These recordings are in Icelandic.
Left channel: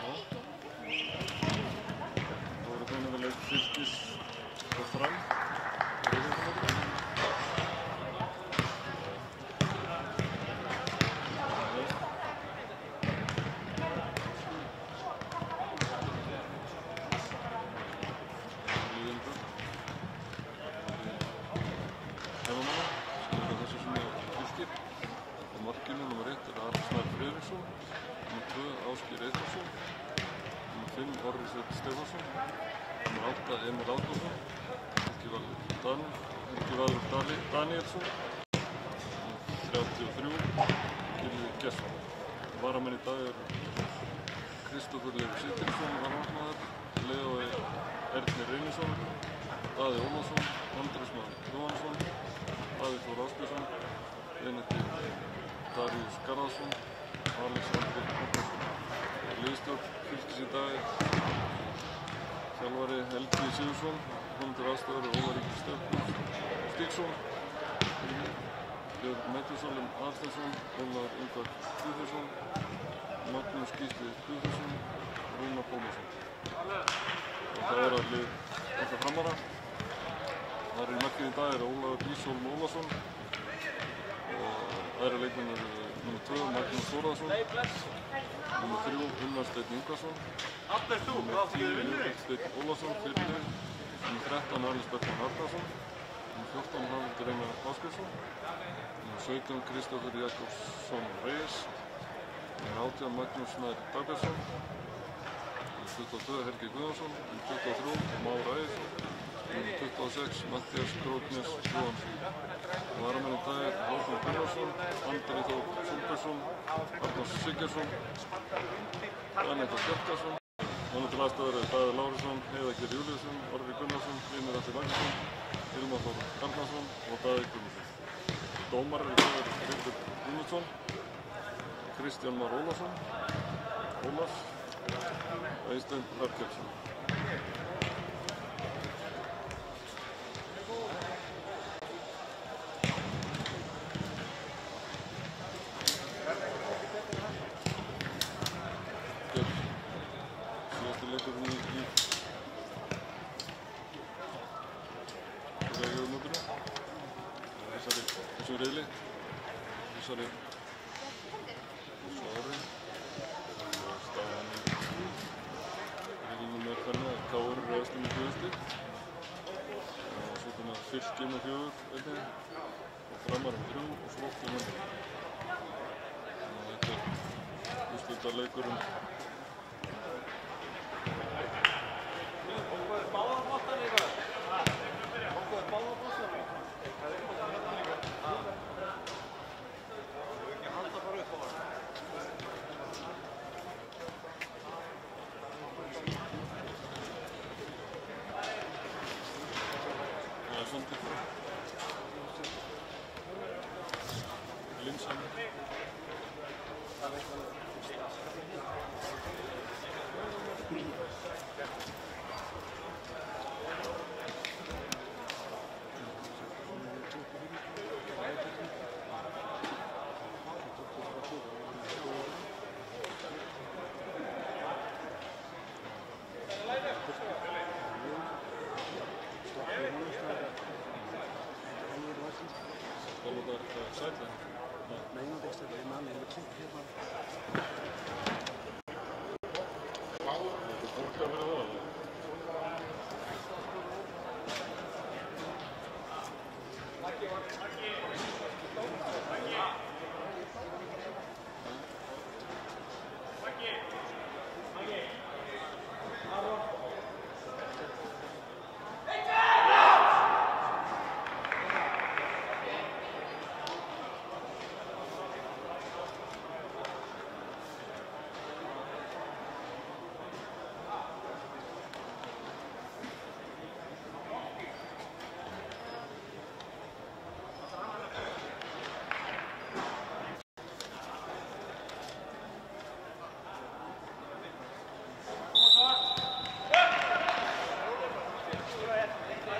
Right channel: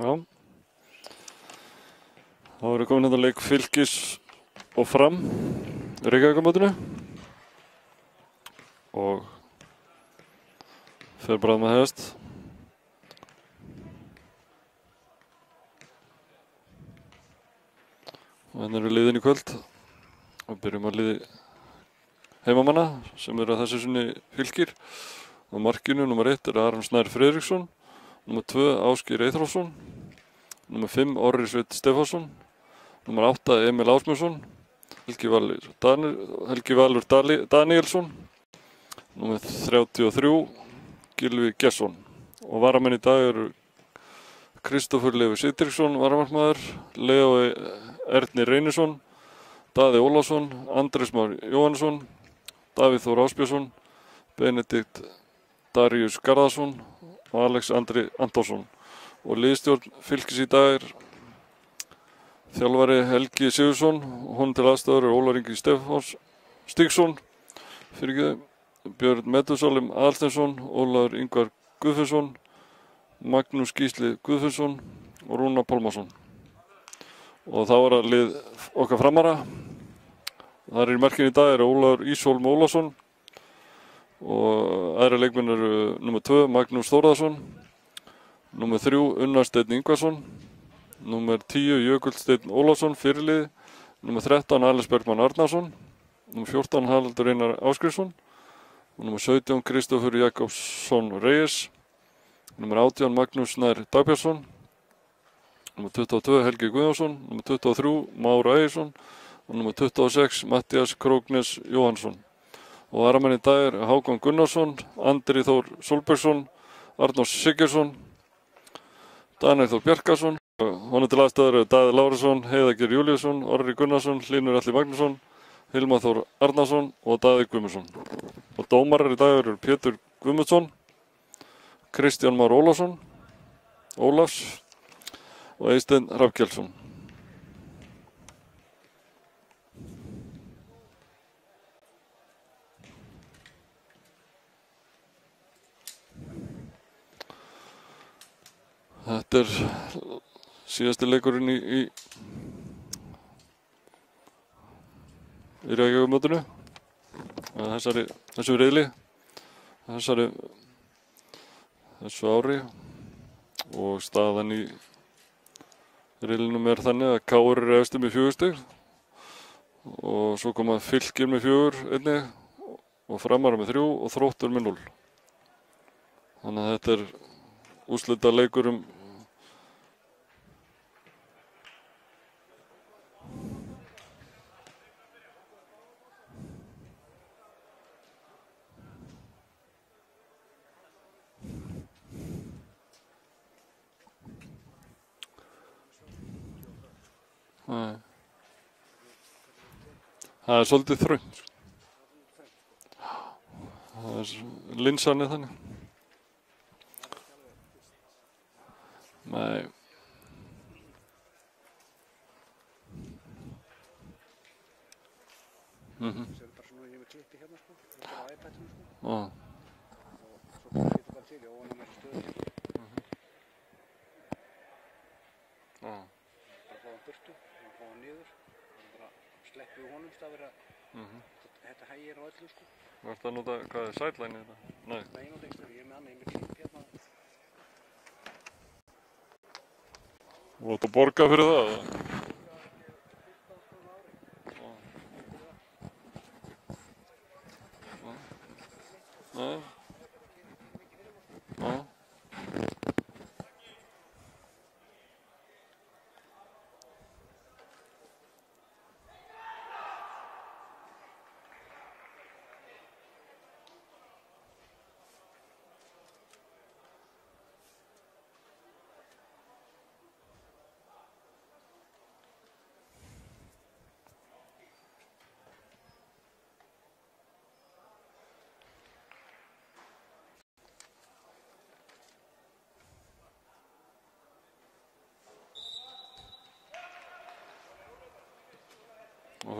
Já. Þá erum við komin hérna leik Fylkis og Fram í Reykjavíkurmótinu. Og fer bara að hefjast. Þannig erum við liðin í kvöld og byrjum að liði heimamanna sem eru að þessu sinni Fylkir. Á markinu nr. 1 er Aron Snær Friðriksson, nr. 2 Ásgeir Eyþórsson, nr. 5 Orri Sveinn Stefánsson, nr. 8 Emil Ásmundsson, Helgi Valur Danielsson, nr. 33 Gylfi Gesson. Og varamenn í dag eru Kristófur Leifur Sigtryggsson, varamarkmaður, Leó Erni Reynisson, Daði Ólafsson, Andrés Már Jóhannesson, Davíð Þór Ásbjörnsson, Benedikt Daríus Garðarsson og Alex Andri Antonsson. Og liðsstjórn Fylkis í dag er þjálfari Helgi Sigurðsson og honum til aðstoðar er Ólar Ingi Stígsson, Björn Metúsalem Aðalsteinsson, Ólafur Ingvar Guðfinnsson, Magnús Gísli Guðfinnsson og Rúnar Pálmarsson. Og þá er að lið okkar framara. Þar í markinu í dag er Ólafur Ísholm Ólafsson og aðra leikmenn eru nr. 2 Magnús Þórðarsson, nr. 3 Unnar Steinn Ingvarsson, nr. 10 Jökull Steinn Ólafsson fyrirliði, nr. 13 Alex Bergmann Arnarsson, nr. 14 Haraldur Einar Ásgrímsson, nr. 17 Kristófur Jakobsson Reyes, nr. 18 Magnús Snær Dagbjörnsson, nr. 22 Helgi Guðjónsson, nr. 23 Már Ægisson og nr. 26 Matthías Króknes Jóhannsson. Og varamenn í dag er Hákon Gunnarsson, Andri Þór Sólbergsson, Arnór Sigurðsson, Daniel Þór Bjarkarsson. Honum til aðstoðar eru Daði Lárusson, Heiðar Geir Júlíusson, Orri Gunnarsson, Hlynur Atli Magnússon, Hilmar Þór Arnarsson og Daði Guðmundsson. Og dómarar í dag eru Pétur Guðmundsson, Kristján Már Ólafsson, Ólafs og Eysteinn Hrafnkelsson. Þetta er síðasti leikurinn í Reykjavíkurmótinu á þessu riðli, þessu ári, og staðan í riðlinum er þannig að KR er efstur með 4 stig og svo koma Fylkir með 4 einnig og Framar með 3 og Þróttur með 0. Þannig að þetta er úrslita leikur það er svolítið þröngt. Það er linsan þannig. Nei. Það nota hvað er sideline? Nei. Þú átt að borga fyrir það?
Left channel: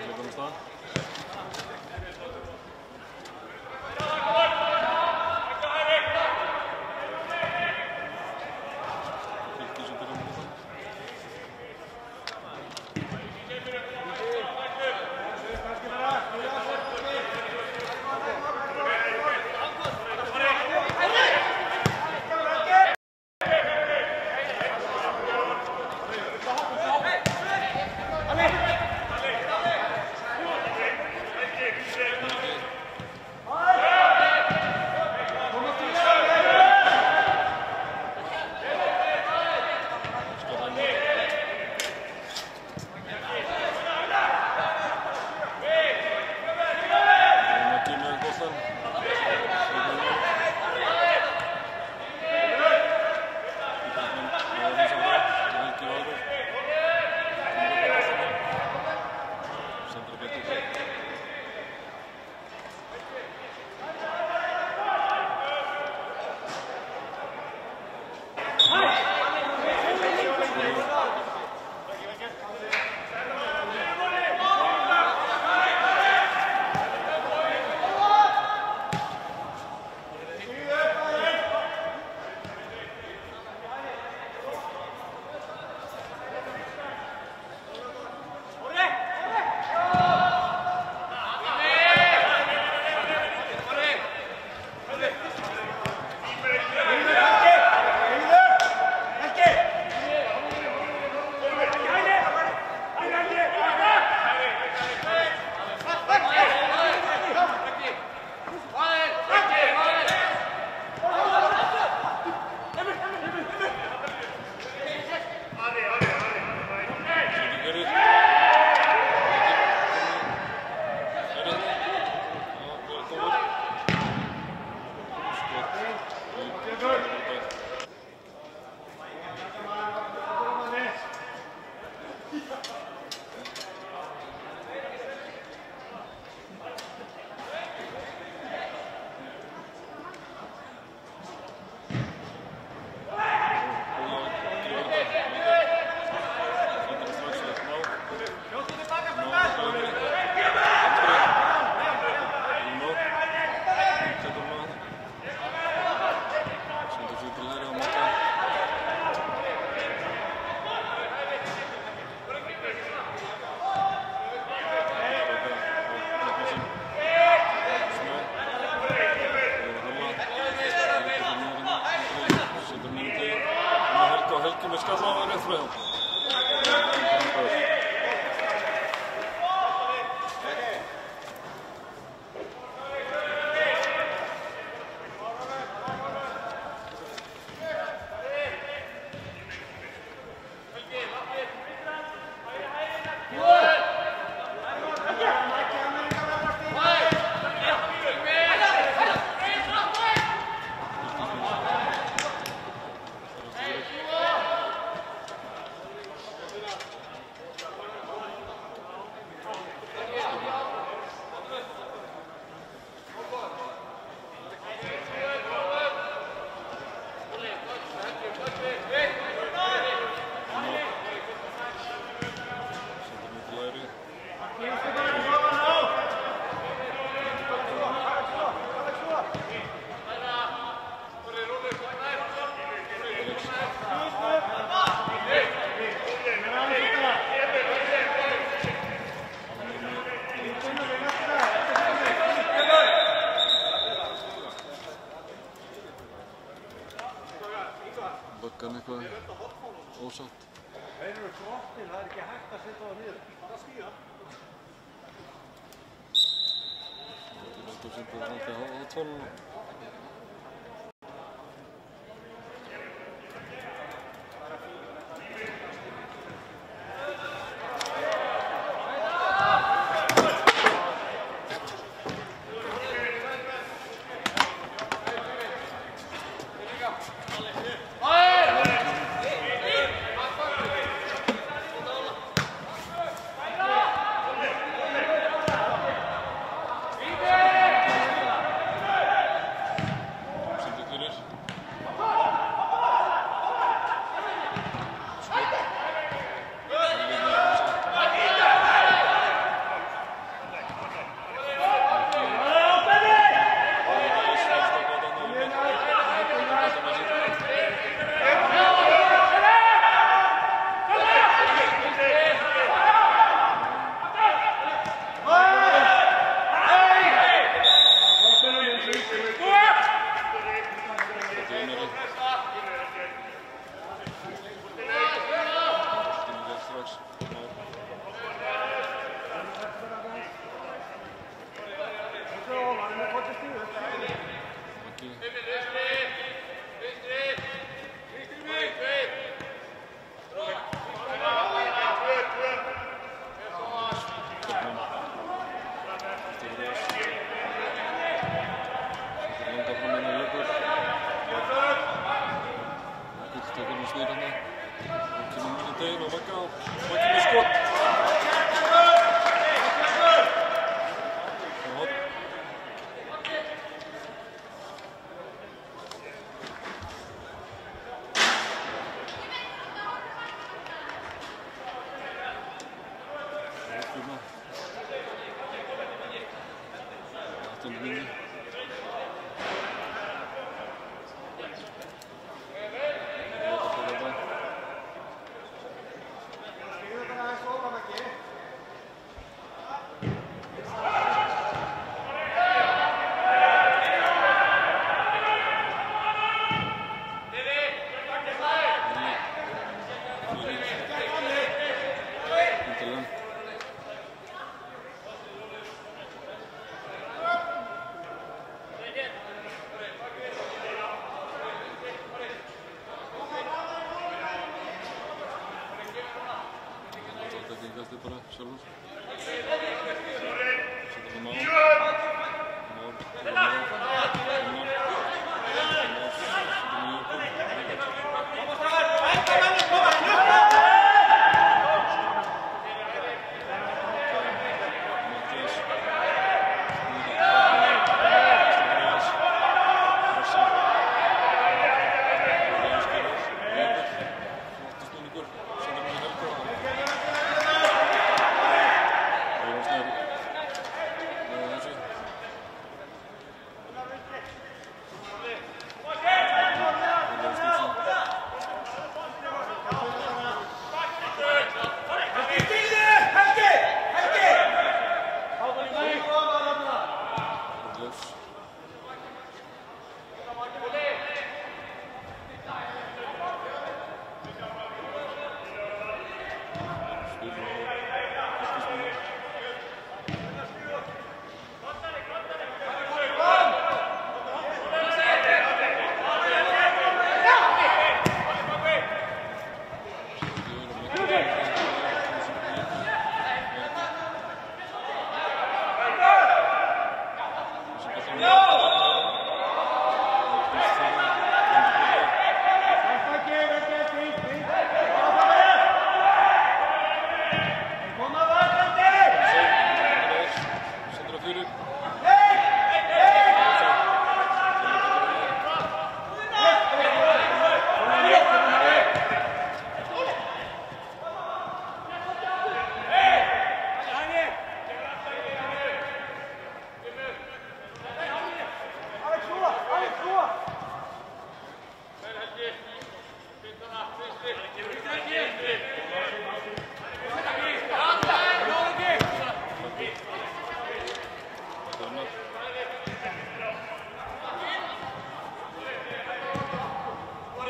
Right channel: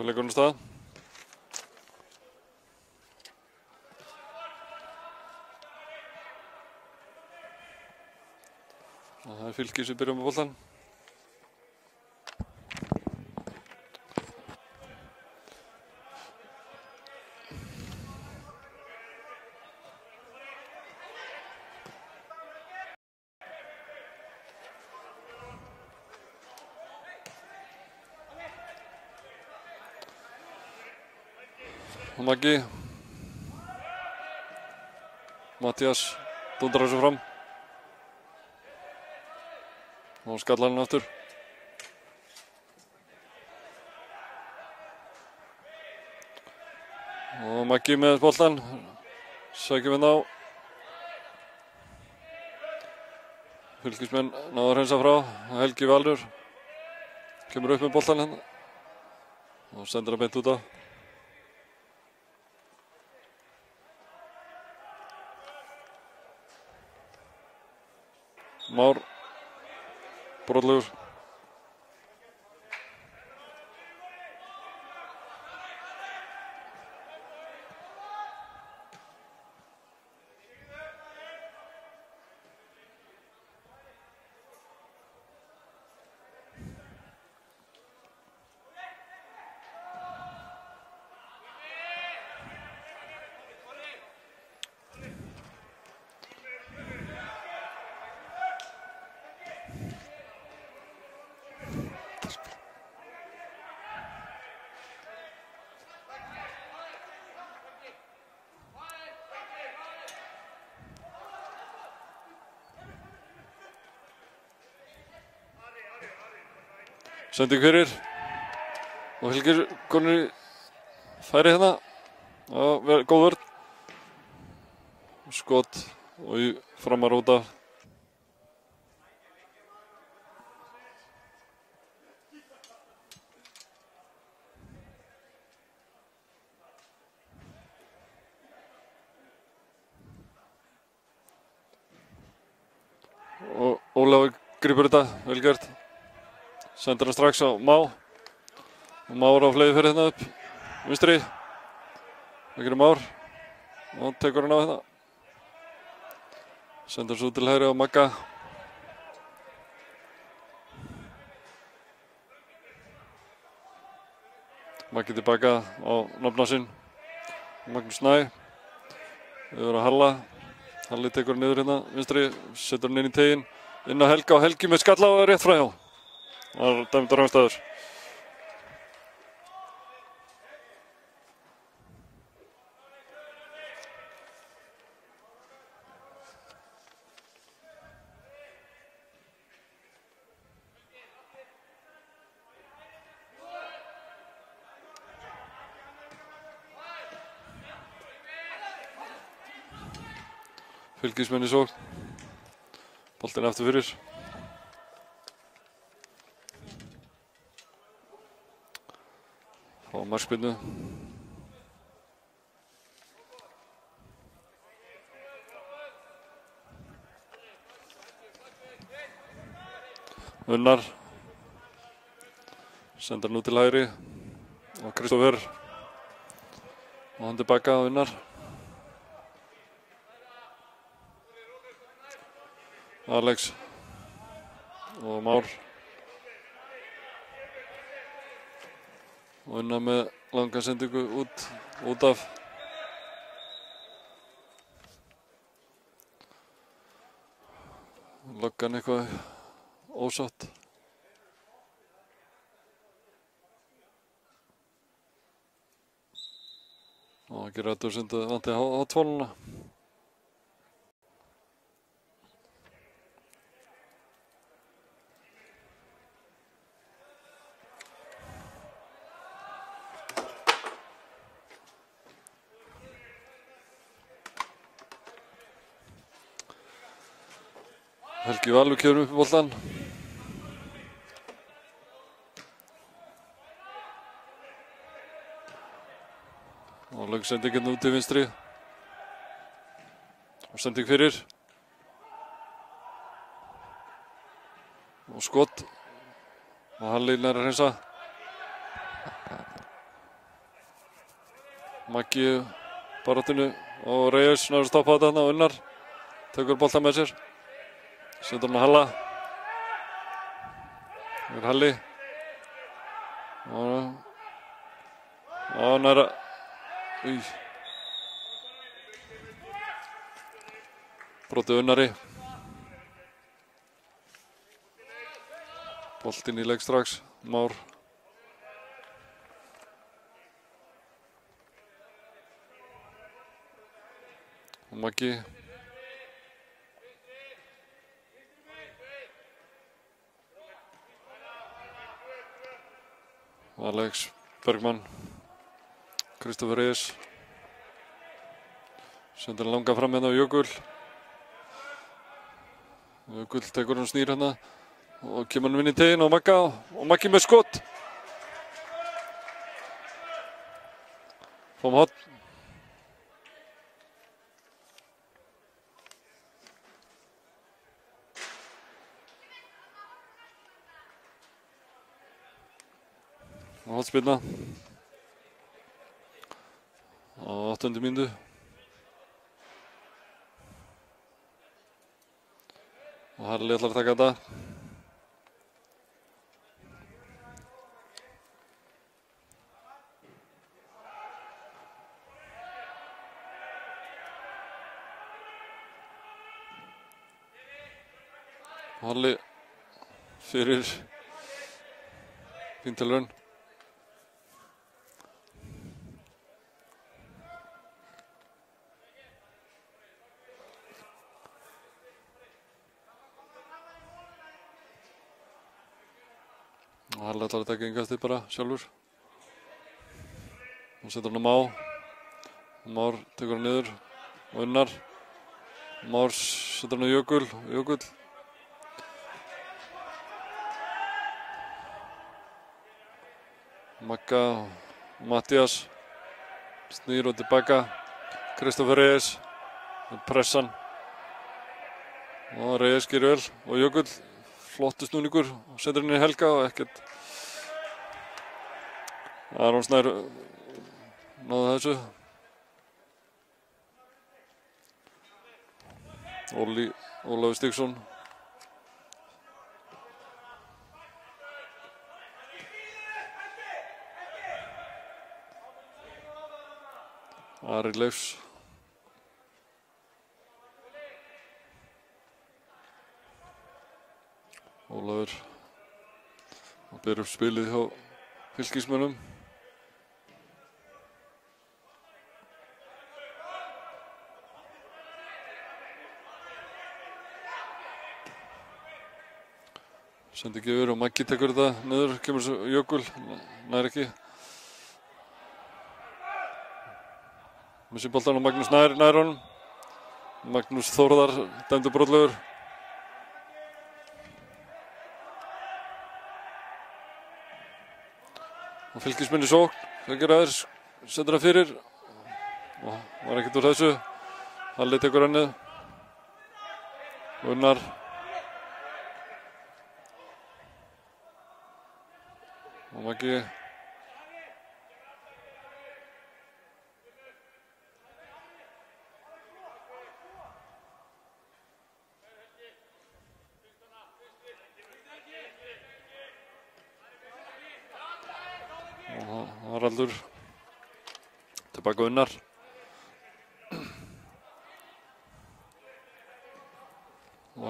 Leikurinn af stað. Fylkir sem byrjar með boltann. Maggi. Mattias dundrar sig fram. Og skallar hann aftur. Og Maggi með boltann. Sækjum við ná. Fylkismenn náðu að hreinsa frá. Helgi Valur kemur upp með boltann hann. Og sendir hann beint út á. Már brotlegur. Sending fyrir. Og Fylkir konur í færi hérna. Já, góð vörn. Skot og í framar út af. Og Ólafur grípur þetta, vel gert. Sendir hann strax á Má. Már á fleigi fyrir hérna upp. Vinstri. Yngri Már. Nú tekur hann á hérna. Sendir hann svo til hægri á Magga. Maggi tilbaka á nafna sinn. Maggi Snæ. Yfir á Halla. Halli tekur hann niður hérna. Vinstri. Sendir hann inn í teginn. Inn á Helga og Helgi með skalla og rétt frá hjá. Það er dæmdur ástæður. Fylkismenn í sókn. Boltinn aftur fyrir. Markspyrnu. Unnar. Sendar nú til hægri. Kristoffer. Hann tilbaka að Unnar. Alex. Og Már. Unnar með langa sendingu út af. Loggan eitthvað ósátt. Og ekki rættur sendið vantið hátfóluna. Helgi Valur kemur upp boltann. Og sendingin út til vinstri. Sending fyrir. Og skot. Og Halli með að hreinsa. Maggi baráttinu og Reyes náður að stoppa þetta og Unnar tekur boltann með sér. Sendir með Halla. Halli. Hann er að... Brotið Unnari. Boltinn í leik strax. Már. Maggi. Alex Bergmann. Kristoffer Reyes. Sendir langa fram hérna á Jökull. Jökull tekur hann snýr hérna og kemur hann inn í teginn og Magga og Maggi með skott. Kom hot. Hotspilna. Á 8. mínútu. Og Harli ætlar að taka þetta. Harli fyrir Vintelrönn. Harli ætlar að taka innkastið bara sjálfur. Og setur hann á Má. Már tekur hann niður. Unnar. Már setur hann á Jökull. Jökull. Magga. Mattias. Snýr og tilbaka. Kristoffer Reyes. Pressan. Og Reyes gerir öll. Og Jökull. Flottu snúningur. Setur hann í Helga og ekkert. Aron Snær náði þessu. Ólafur Stígsson. Ari Leifs. Ólafur ber upp spilið hjá Fylkismönnum. Setur gefur og Maggi tekur þetta niður, kemur svo Jökull, nær ekki. Missir boltann og Magnús nær honum. Magnús Þórðar dæmdur brotlegur. Fylkismenn í sókn, einhver aðeins, setur hann fyrir. Það er ekkert úr þessu. Halli tekur henni. Unnar. Maggi. Haraldur. Tilbaka Unnar.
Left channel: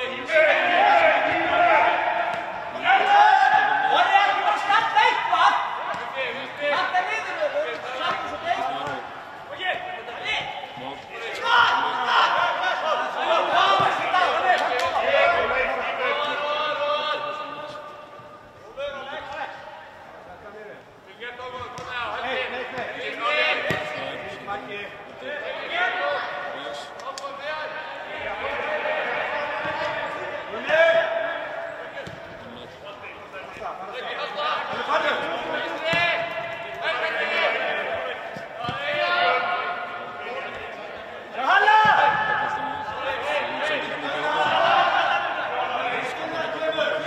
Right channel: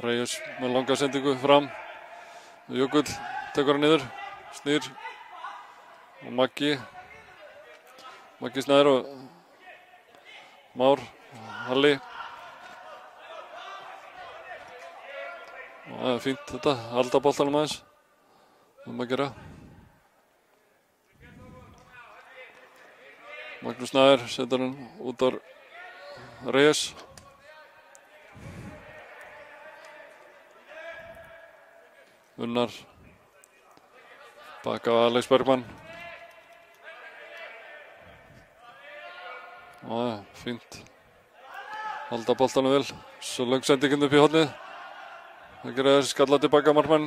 Reyes með langa sendingu fram. Jökull tekur hann niður. Snýr. Maggi. Maggi Snær og Már. Halli. Það er fínt þetta. Halda boltanum aðeins. Að gera. Magnús Snær setur hann út á Reyes. Unnar. Takka Alex Bergmann. Fínt. Halda boltanum vel. Svo löng sendingin upp í hornið. Einhver er skallað tilbaka markmann.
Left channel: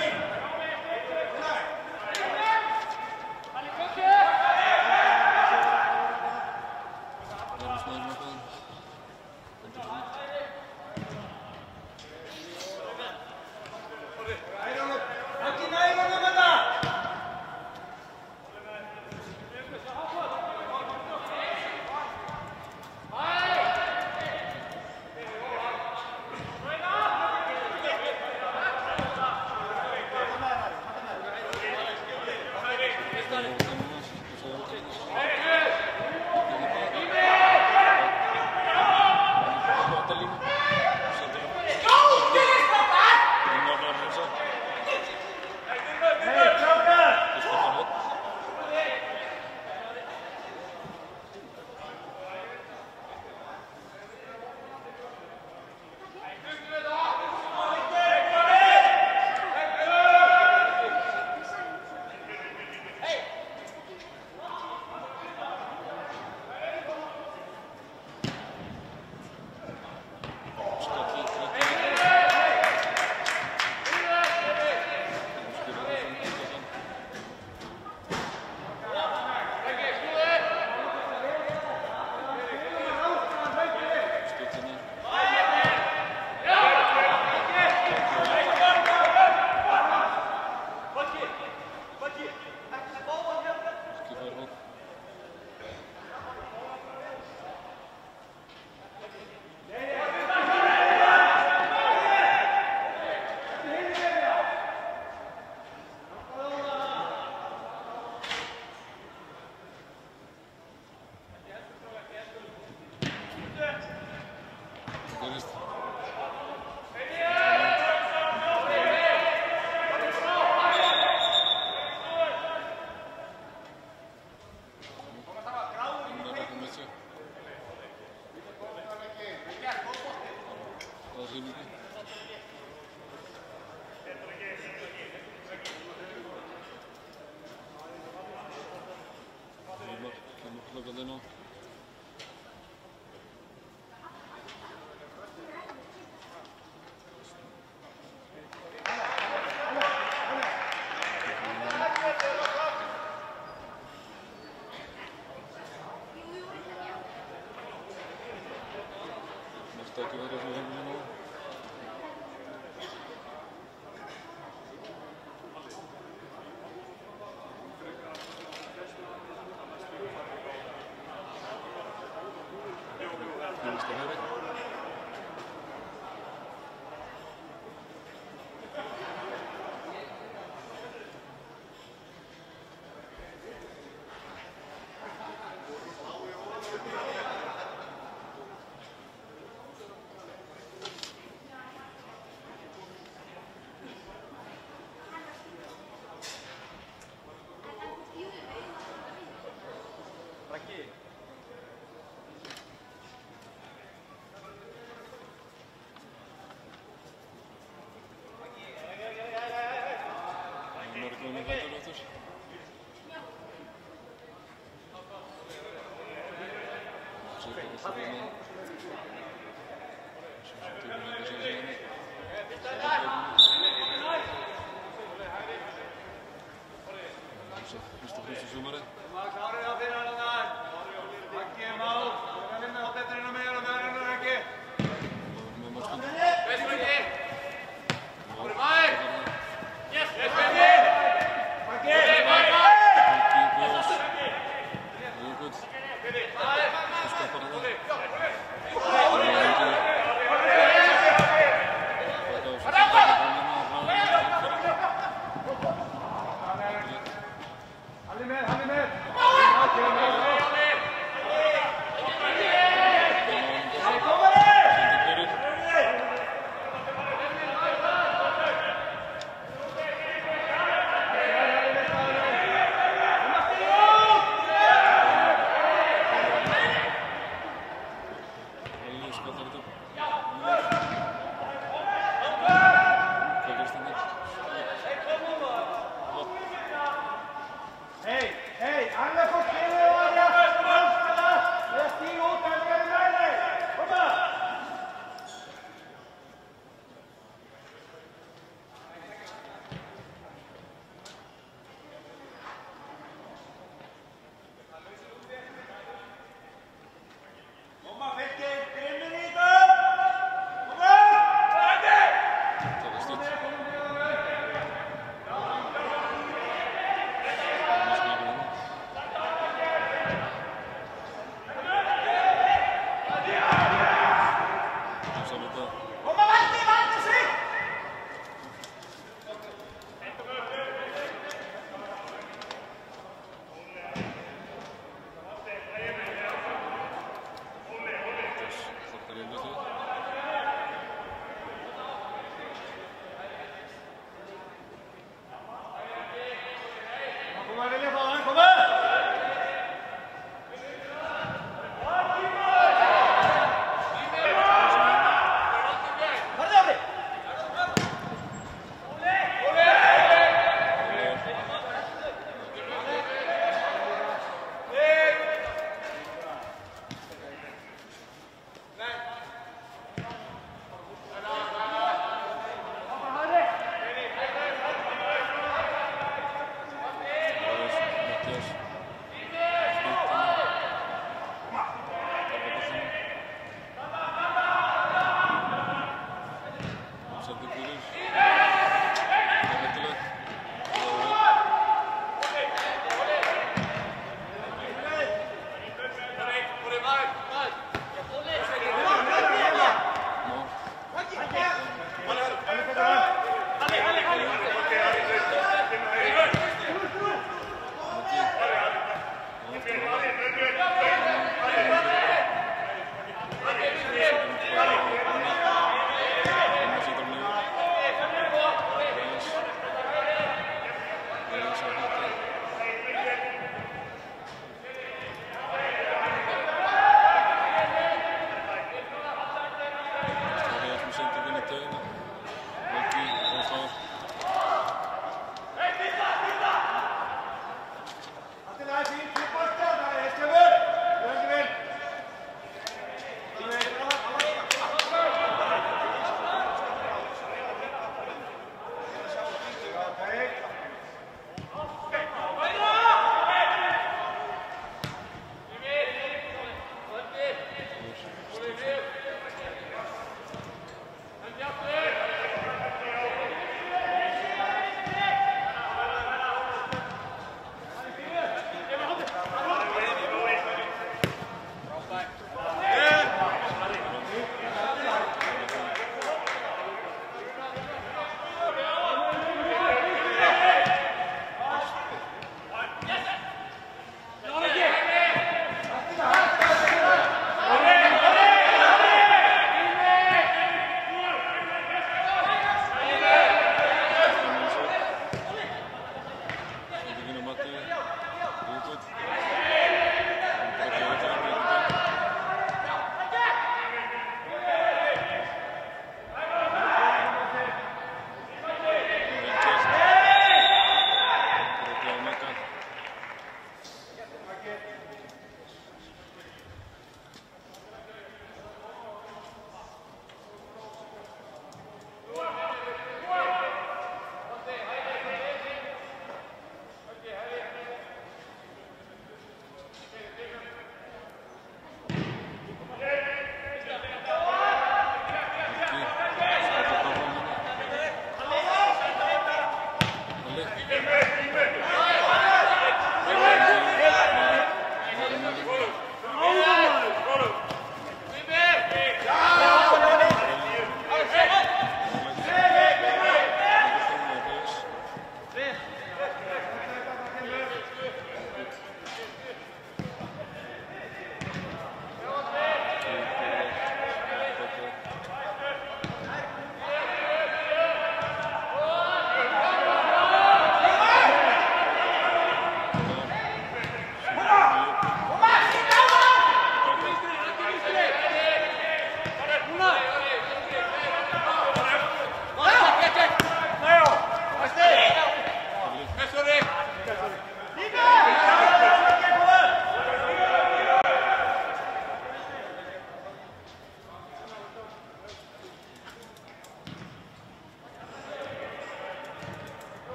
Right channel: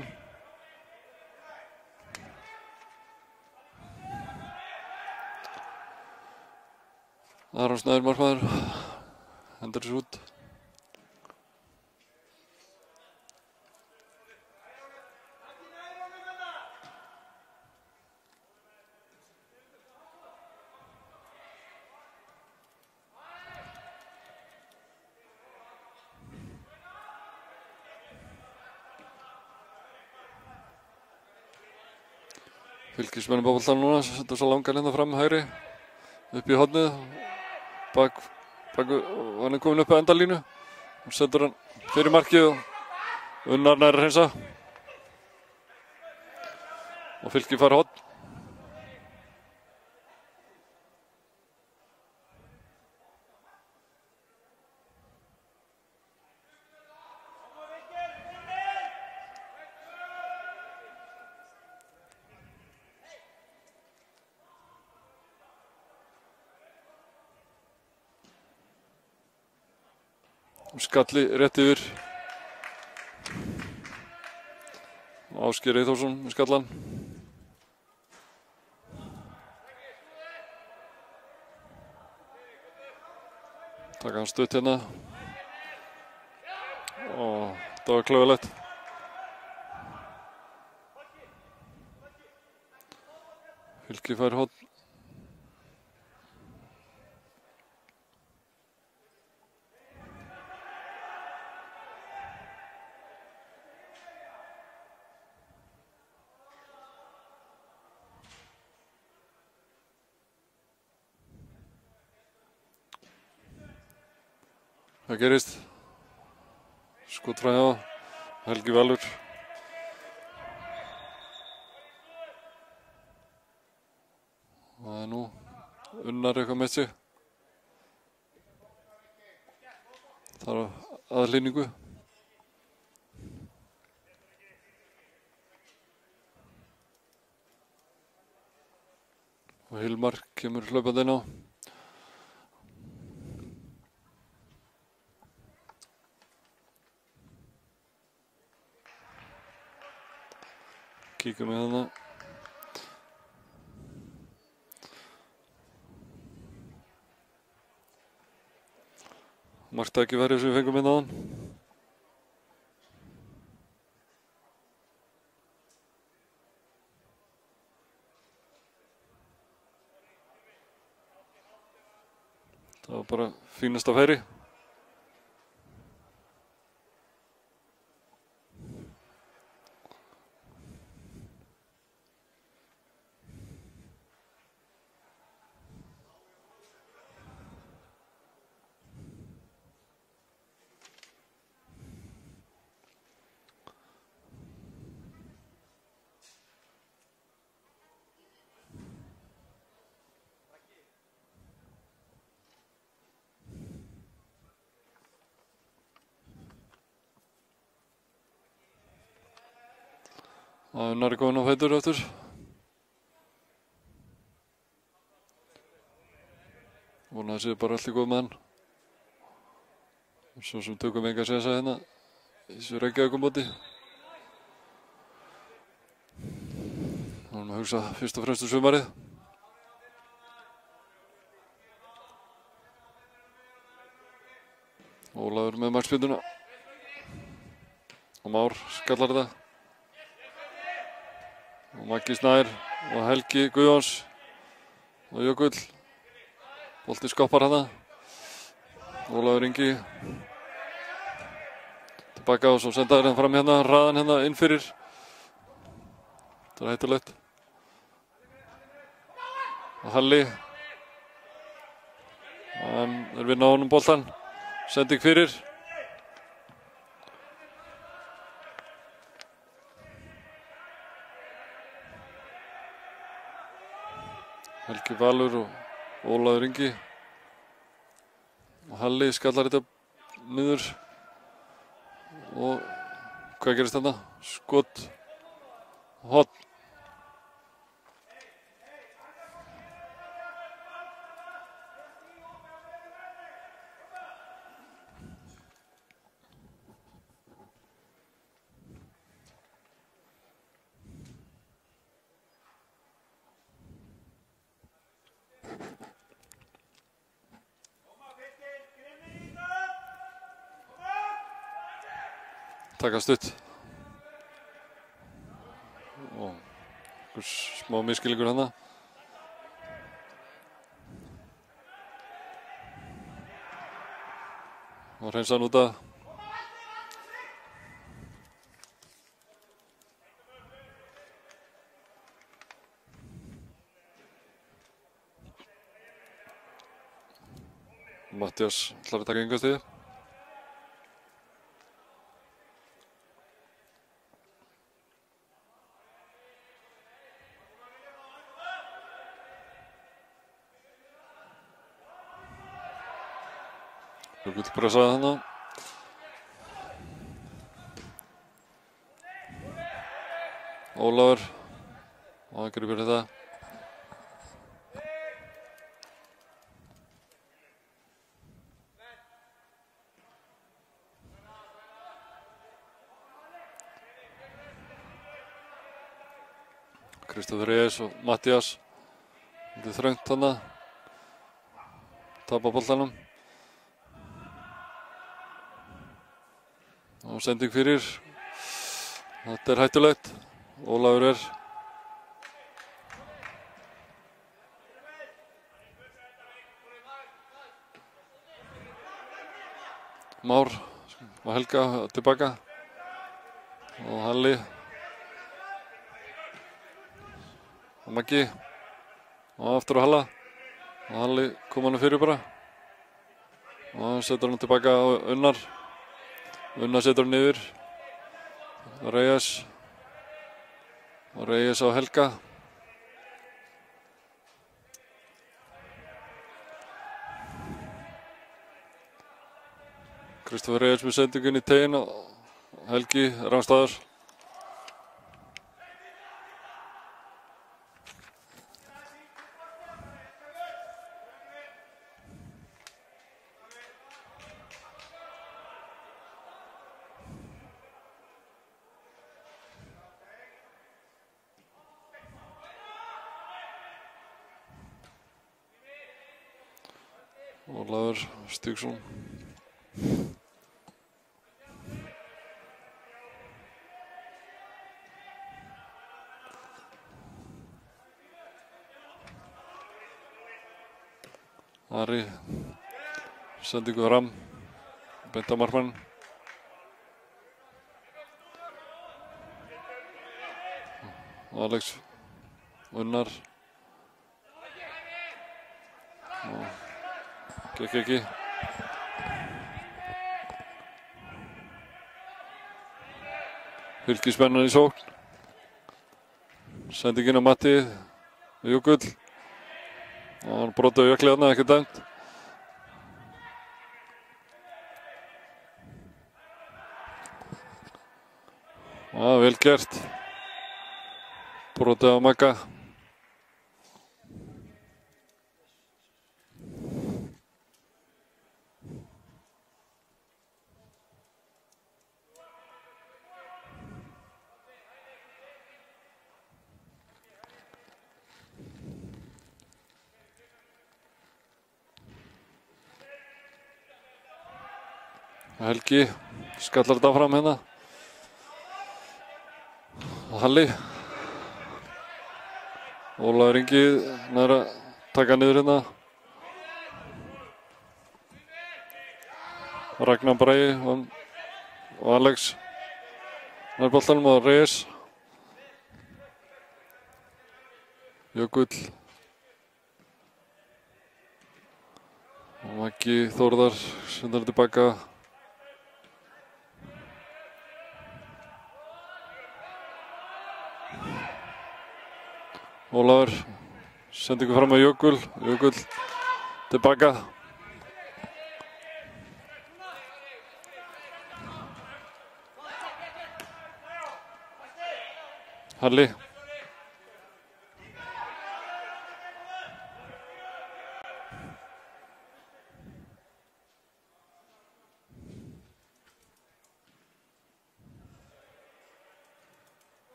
Aron Snær markmaður. Hendur þessu út. Fylkismenn á boltanum núna, setur svo langan hérna fram hægri, upp í hornið. Hann komin upp á endalínu, setur hann fyrir markið og Unnar nær að hreinsa. Og Fylki fær horn. Skalli rétt yfir. Ásgeir Eyþórsson í skallan. Taka hann stutt hérna. Það var klauðalegt. Fylki fær horn. Hvað gerist? Skot frá Helgi Valur. Það er nú Unnar eitthvað með sig. Það er aðhlýningu. Og Hilmar kemur hlaupandi inn á. Kíkum við hérna. Margt tækifæri sem við fengum inn á hann. Það var bara fínasta færi. Unnar er góðinn á fætur aftur. Vona það sé bara allt í góð með hann. Svo sem tökum enga sénsa hérna. Þessu Reykjavíkurmóti. Það er að hugsa fyrst og fremst sumarið. Ólafur með markspyrnuna. Og Már skallar þetta. Maggi Snær og Helgi Guðjóns og Jökull. Bolti skoppar hana. Ólafur Ingi. Baka og svo senda hérna fram hérna, raðan hérna inn fyrir. Það er hættulegt. Halli. Hann vinna á honum boltan. Sending fyrir. Valur og Ólafur Ingi. Halli skallar þetta niður. Og hvað gerist þarna? Skot. Horn. Taka stutt. Smá misskilningur hana. Það hreinsa hann út að. Mattias ætlar að taka innkastið. Pressaði hérna. Ólafur. Og hann gripir þetta. Kristoffer Reyes og Mattias. Það er þröngt þarna. Tapa boltanum. Sending fyrir. Þetta hættulegt. Ólafur Már og Helga tilbaka. Og Halli. Maggi. Og aftur á Halla. Og Halli kom hann fyrir bara. Og hann setur hann tilbaka á Unnar. Unnar setur hann niður. Reyes á Helga. Kristoffer Reyes með sendingun í teginn. Helgi rangstaðar. Stígsson. Ari. Sendingu fram. Beint á markmann. Alex. Unnar. Fylkismenn í sókn. Sendingin á Matti Jökull. Hann brotið á Jökli þarna, ekki dæmt. Já, vel gert. Brotið á Magga. Helgi skallar þetta fram hérna. Halli. Ólafur Ingi með að taka niður hérna. Ragnar Bragi og Alex með boltanum og Reyes. Jökull. Maggi Þórðar sendir tilbaka. Ólafur sendingu fram með Jökull. Jökull tilbaka. Halli.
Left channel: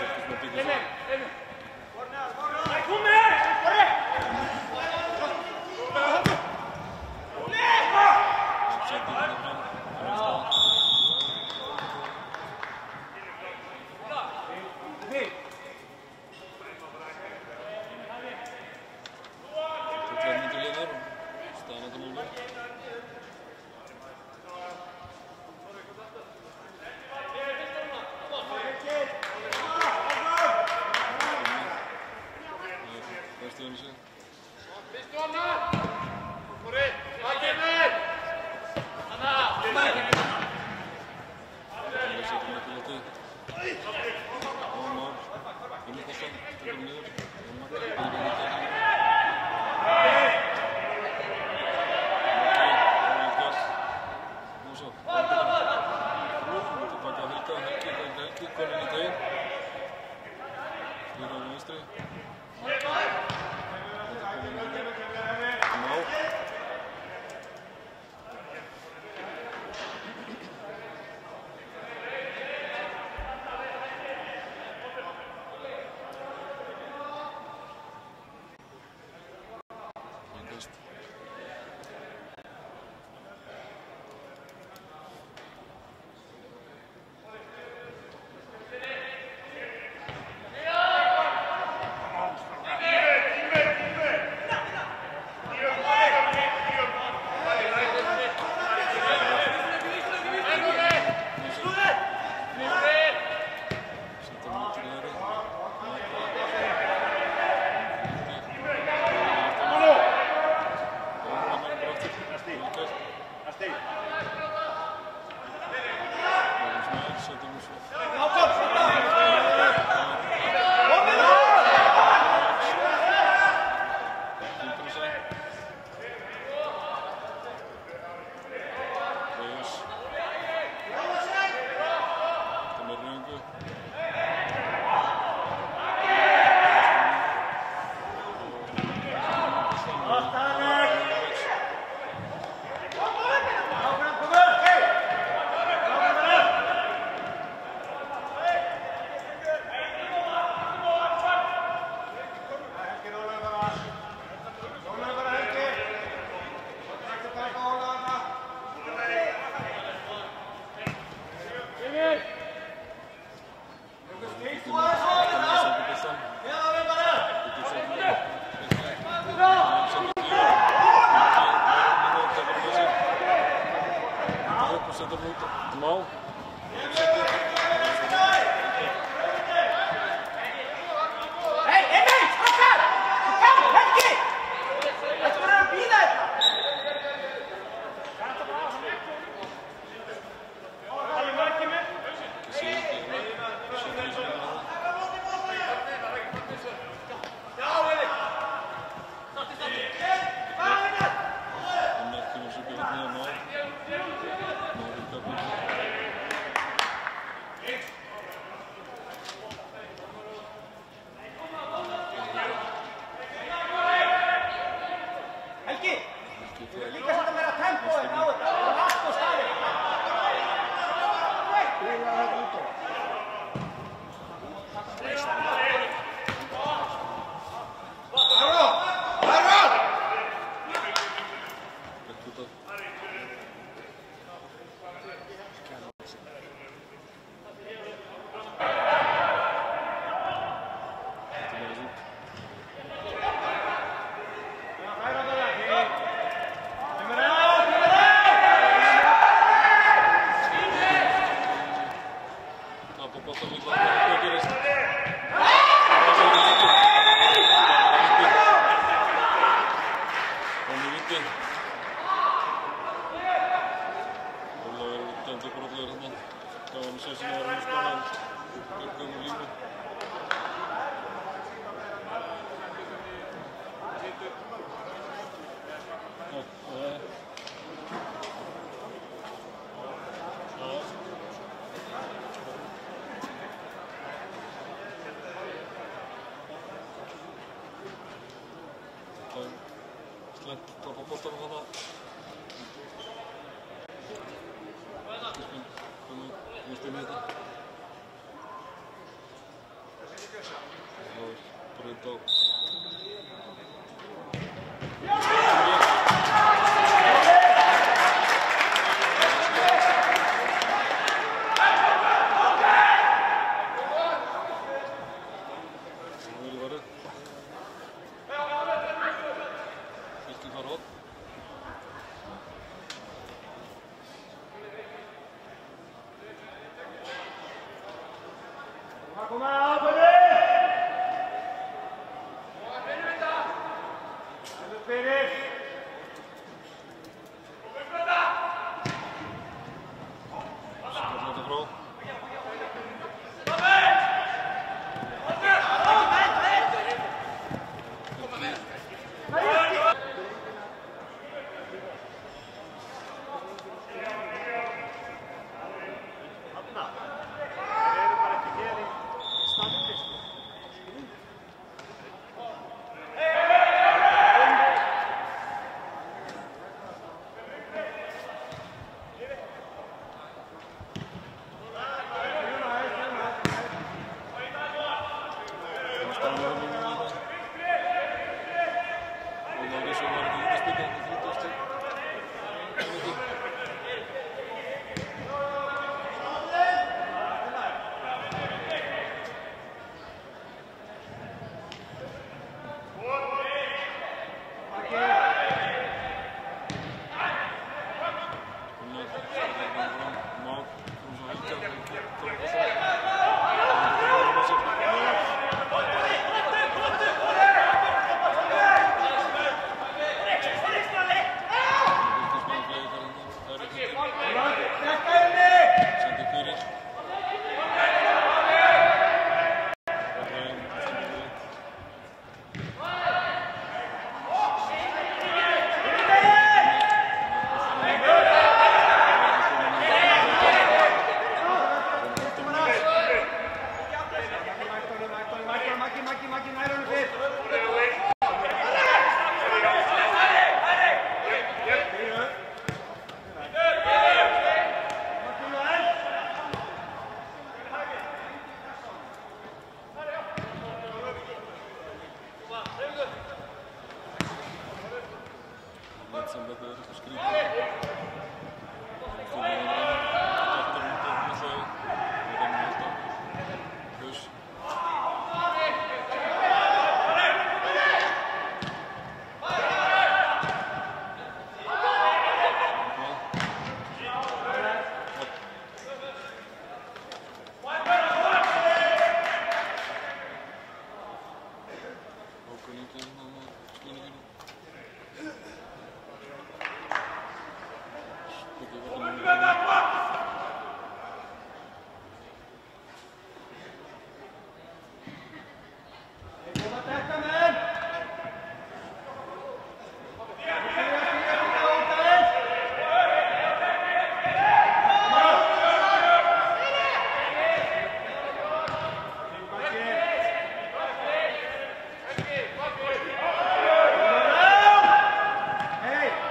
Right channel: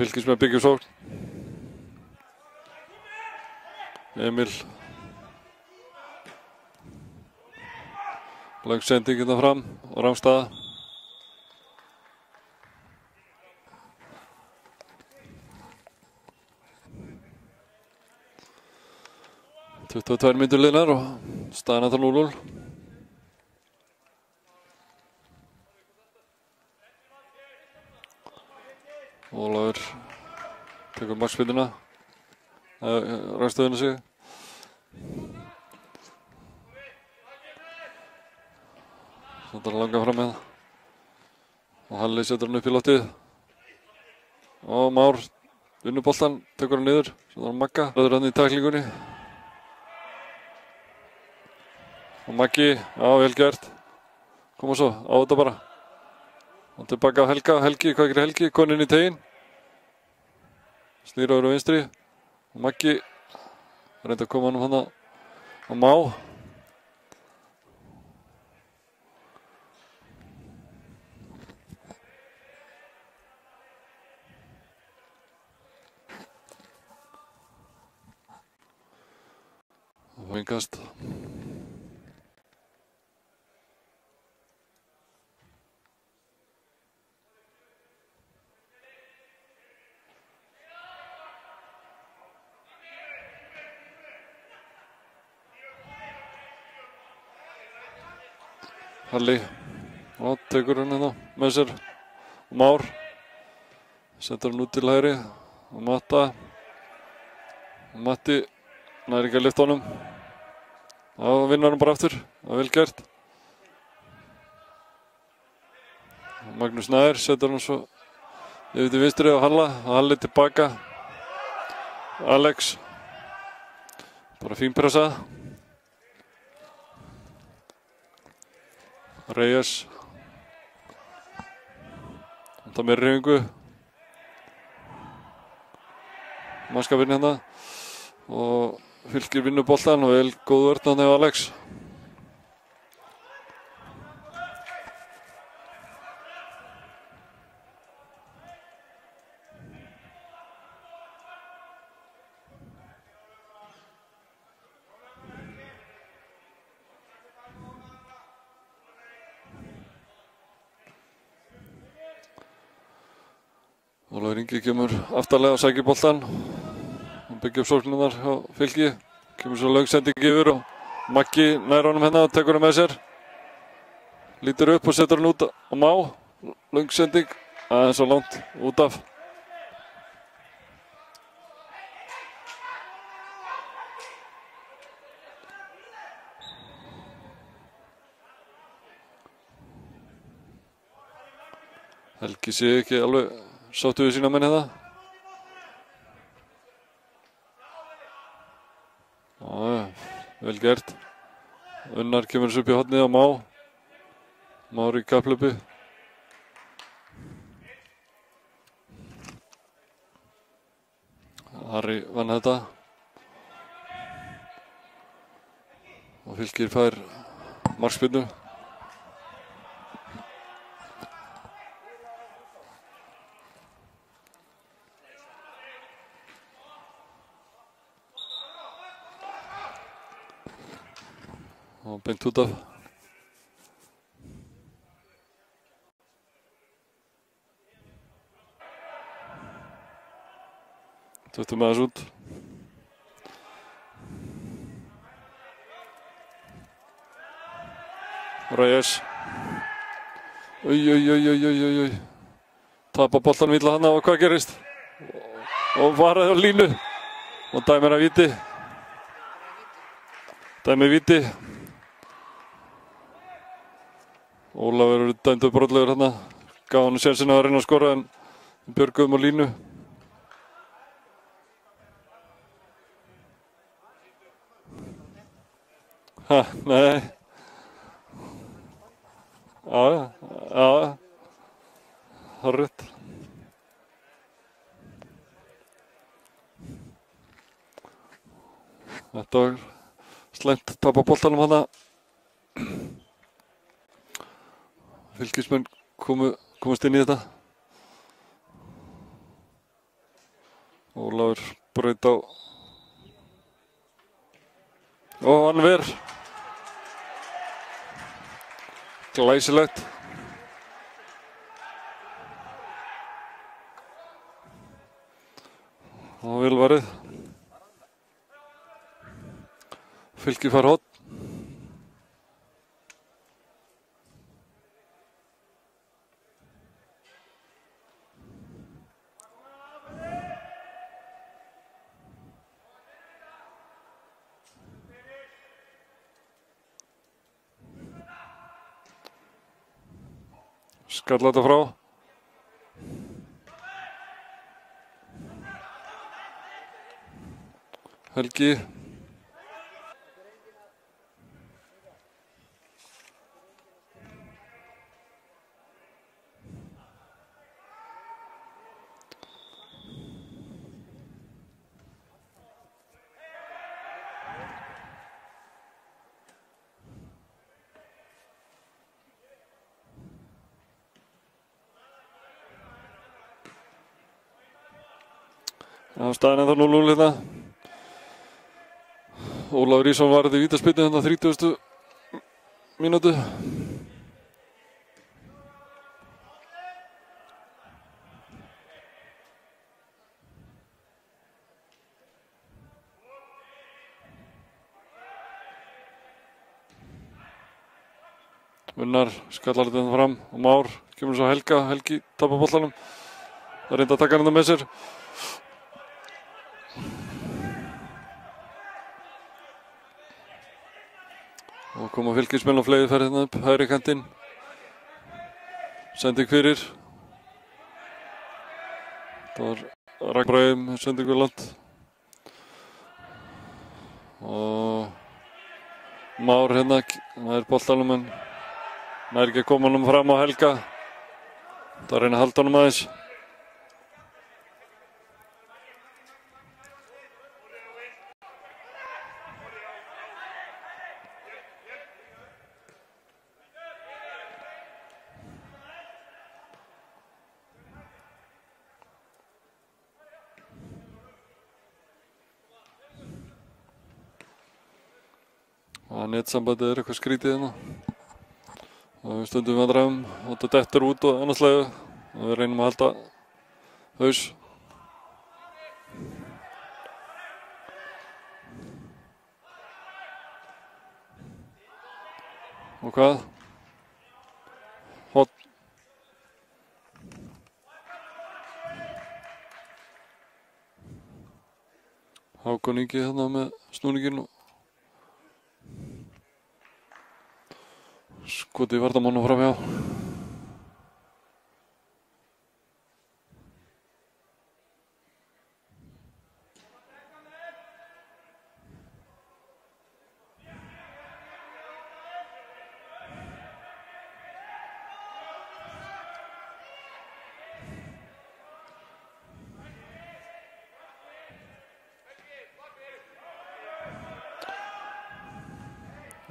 Fylkismenn byggja sókn. Emil. Lang sending hérna fram og rangstaða. og 22 mínútur liðnar og staðan ennþá 0-0. Ólafur tekur markspyrnuna. ræðstöðuna sig. Þetta er lengra fram með. Og Halli setur hann upp í loftið. Og Már vinnur boltan, tekur hann niður. Og Magga röður hann í tæklingunni. Og Maggi, já vel gert. Koma svo, á þetta bara. Tilbaka á Helga, Helgi, hvað gerir Helgi? Konur inn í teginn. Snýr over á vinstri. Maggi reyndi að koma hann hana og Má. Vingast. Halli, tekur hann hérna með sér. Már setur hann út til hægri. Matti nær ekki að lyfta honum. Og vinnar hann bara aftur. Það er vel gert. Magnús Nær setur hann svo yfir til vinstri á Halla. Halli tilbaka. Alex. Bara fínpressað. Reyes. Þetta með hreyfingu. Moskva vinna hérna. Og Fylkir vinnur boltan og vel góð vörn þarna hjá Alex. Ólafur Ingi kemur aftarlega að sækja boltan. Byggja upp sóknunar á Fylki. Kemur svo löng sending yfir Maggi nær honum hérna og tekur hann með sér. Lítur upp og setur hann út á Má. Löng sending. Aðeins svo langt út af. Helgi sé ekki alveg sáttu við sína menn hérna. Vel gert. Unnar kemur þessu upp í hornið á Má. Már í kapplöpu. Harry vann þetta. Og Fylkir fær markspyrnu. Beint út af. Settum aðeins út. Reyes. Oj. Tapar boltanum illa hana og hvað gerist? Og varaður línu. Og dæmir að víti. Dæmir víti. Ólafur er dæmdur brotlegur hérna. Gaf hann sénsinn að reyna að skora en björguðum á línu. Ha, nei. Já. Hárrétt. Þetta var slæmt að tapa boltanum hana. Fylkismenn komast inn í þetta. Ólafur braut á. Og hann ver. Glæsilegt. Og vel varið. Fylkir fær horn. skall þetta frá. Helgi. Staðan er það 0-0 hérna. Ólafur Ísson var þetta vítaspyrnu hérna á 30. mínútu. Gunnar skallar þetta fram. Már kemur svo Helga. Helgi tapar boltanum. Og reynda að taka hann með sér. Fylkismenn og fleiri fer hérna upp, hægri kantinn. Sending fyrir. Það var Ragnbræðum, sendingu langt. Og Már hérna, með boltanum en það ekki að koma honum fram á Helga. Það er að reyna að halda honum aðeins. Netsambandið er eitthvað skrítið hérna. Og stundum vandræðum. Þetta dettur út og annarslega. Við reynum að halda haus. Og hvað? Hot. Hákon Ingi hérna með snúninginn. Skoti í varnarmannum fram hér.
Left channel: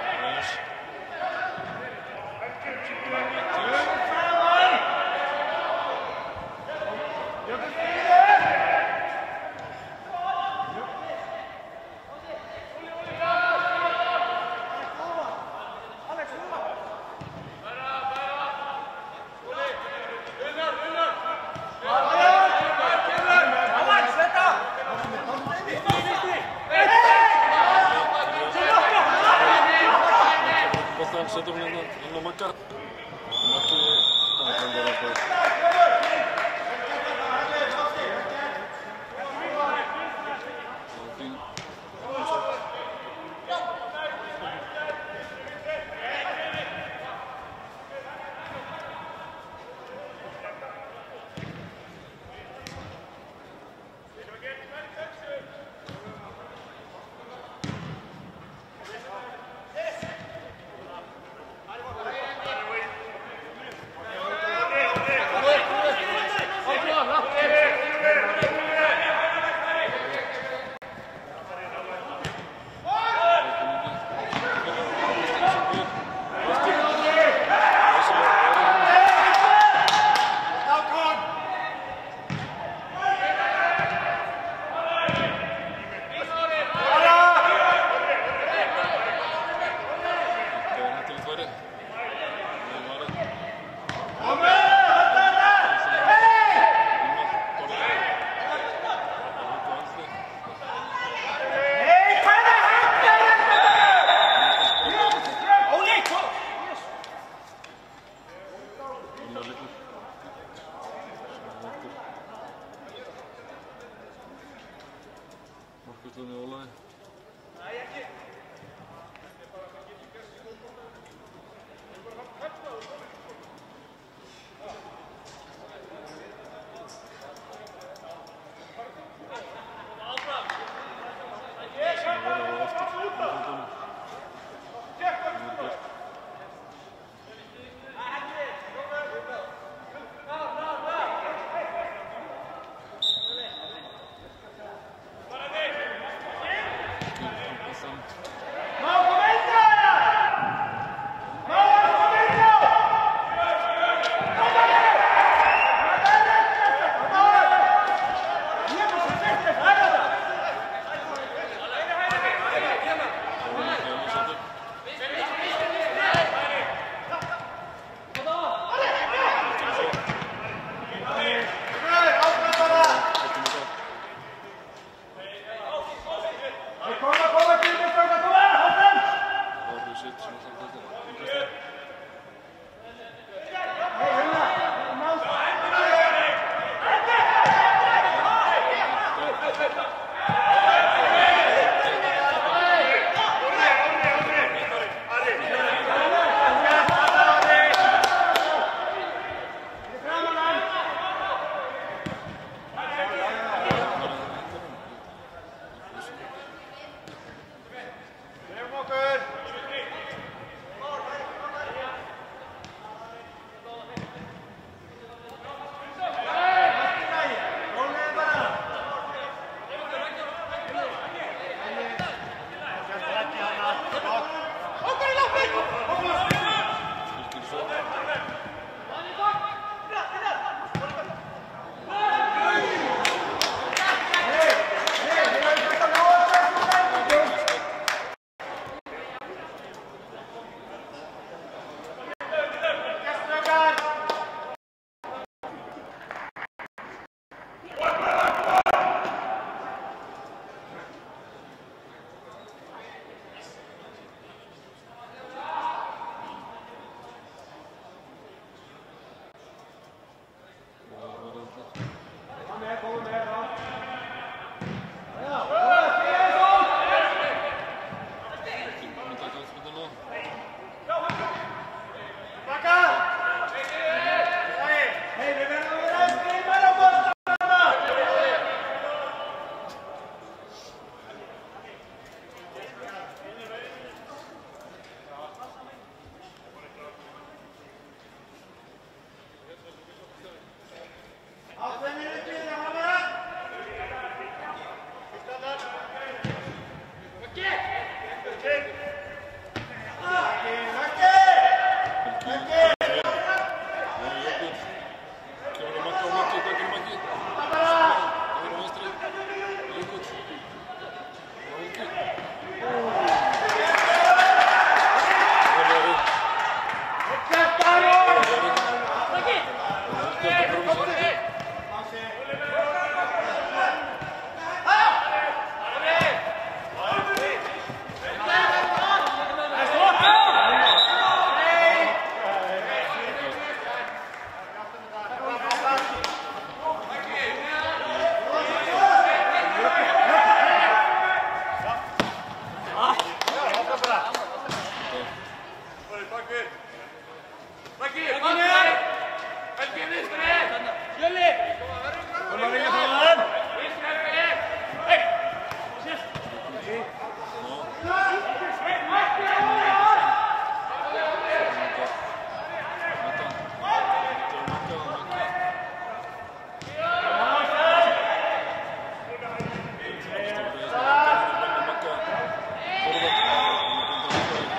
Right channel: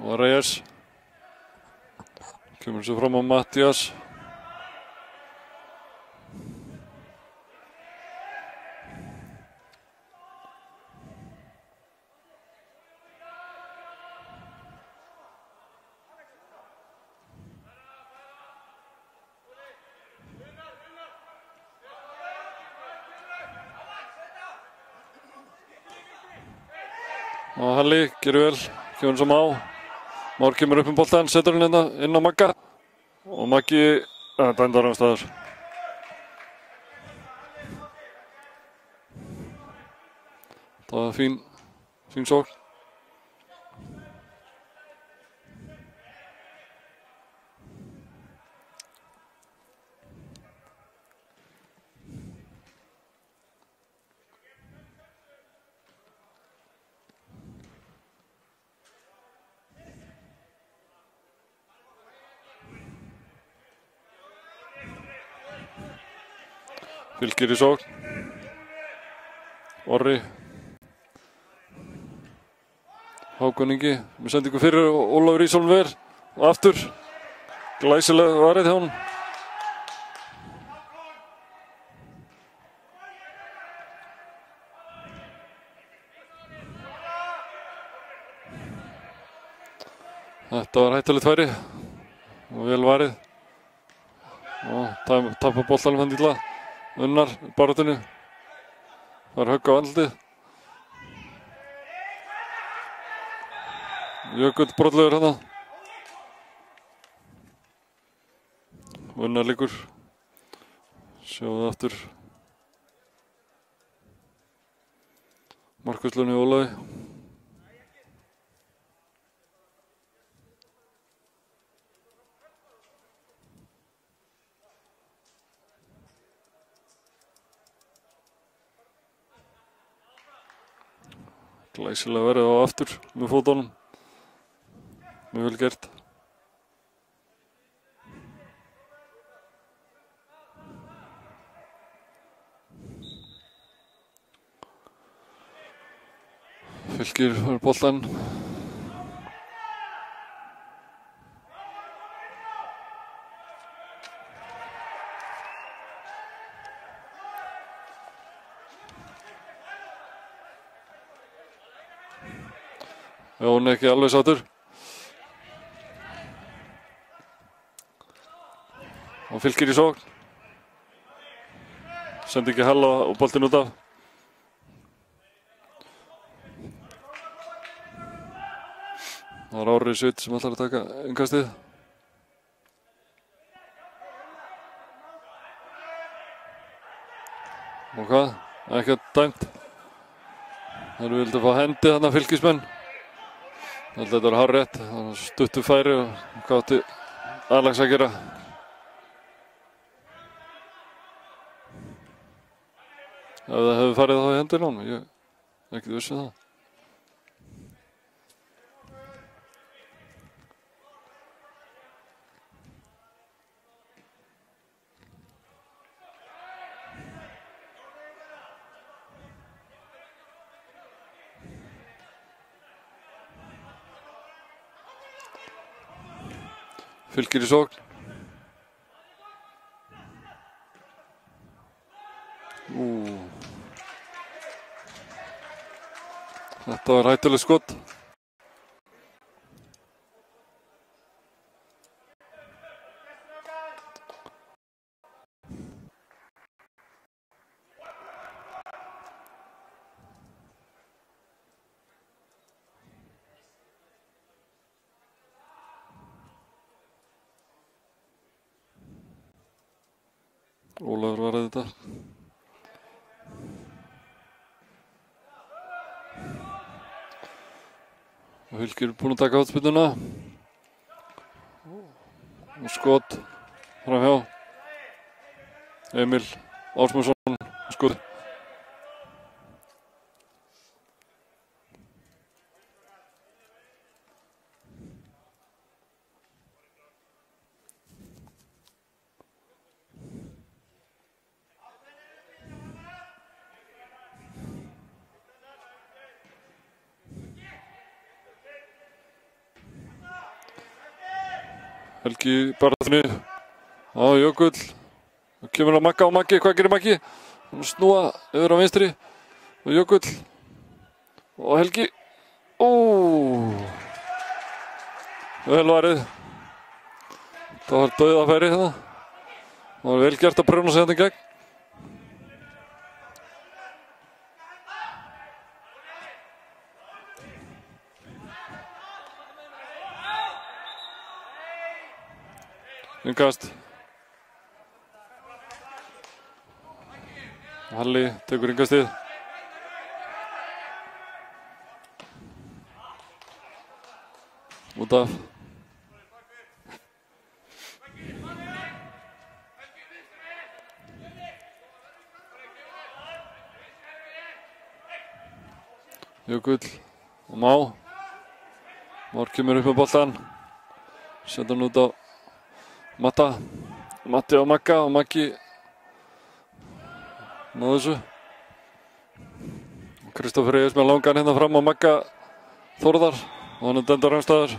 Og Reyes. Kemur svo fram á Mattias. Halli, gerir vel, fyrir sem á. Már kemur upp boltann, setur hann inn á Magga. Og Maggi, dæmdar hann staðar. Það er fín sókn. Fylkir í sókn. Orri. Hákon Ingi. Við sendingu fyrir Ólafur Ísson ver. Og aftur. Glæsileg varð hann. Þetta var hættulegt færi. Vel varið. Tapar boltanum hann illa. Unnar baráttunni. Það er högg á andlitið. Jökull brotlegur hérna. Unnar liggur. Sjáðu aftur. Markuslunni Ólafi. Glæsilega verið á aftur með fótunum. Mjög vel gert. Fylkir fyrir boltann. Já, hún er ekki alveg sáttur. Hann Fylkir í svo. Sendi ekki Halla og boltinn út af. Það er Orri Svitt sem ætlar að taka innkastið. Og hvað? Ekkert dæmt. Hann vildi fá hendi þarna Fylkismenn. Þetta er hárrétt, stuttu færi og hvað átti Alex að gera. Ef það hefur farið þá í hendina á hann, ég er ekki viss um það. Fylkir í sókn. Þetta var hættuleg skot. Ólafur var að þetta. Fylkir búinn að taka hornspyrnuna. Skot framhjá. Emil Ásmundsson skot. Helgi barðinu á Jökull. Kemur á Magga og Maggi, hvað gerir Maggi? Snúa yfir á vinstri. Jökull og Helgi. Vel varið. Það var dauðafæri það. Það var vel gert að pröfna sig þetta í gegn. Innkast. Halli tekur innkastið. Út af. Jökull. Má. Már kemur upp á boltann. Setjum út á Matta. Matti og Magga og Maggi með þessu. Kristófer Egill með langan hérna fram á Magga Þórðar. Hann dendar afstæðar.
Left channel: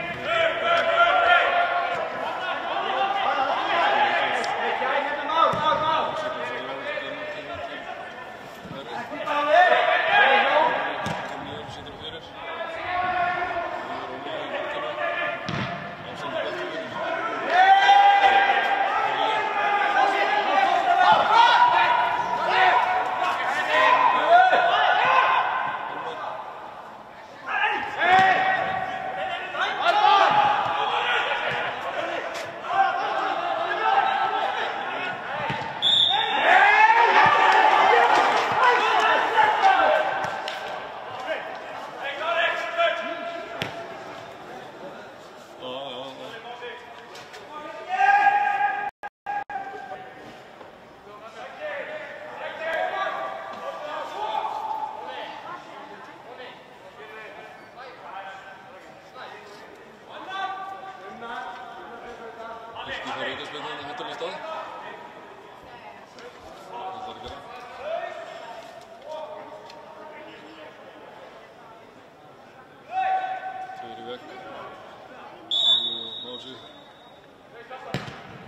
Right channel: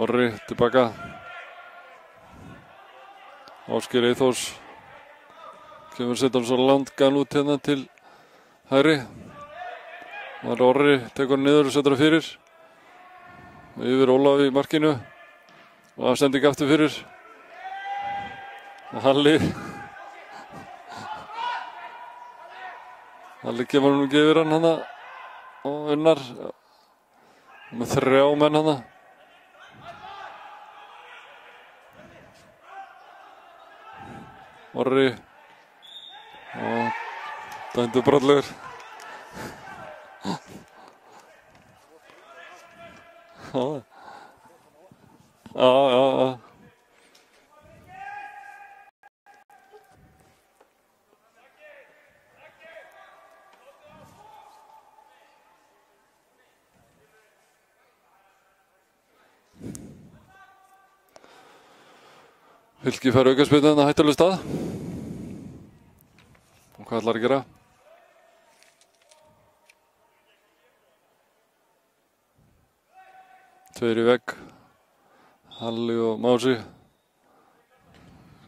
Orri tilbaka. Ásgeir Eyþórs kemur setja svo langan út hérna til hægri. Orri tekur niður og setur það fyrir. Yfir Ólaf í markinu. Og afsending aftur fyrir. Halli. Það liggja nú ekki yfir hann hérna og Unnar með 3 menn hérna. Orri Gandi brotlegur. Já. Fylki fær aukaspyrnu á hættulegum stað. Hvað ætlar að gera? Tveir í vegg. Halli og Mási.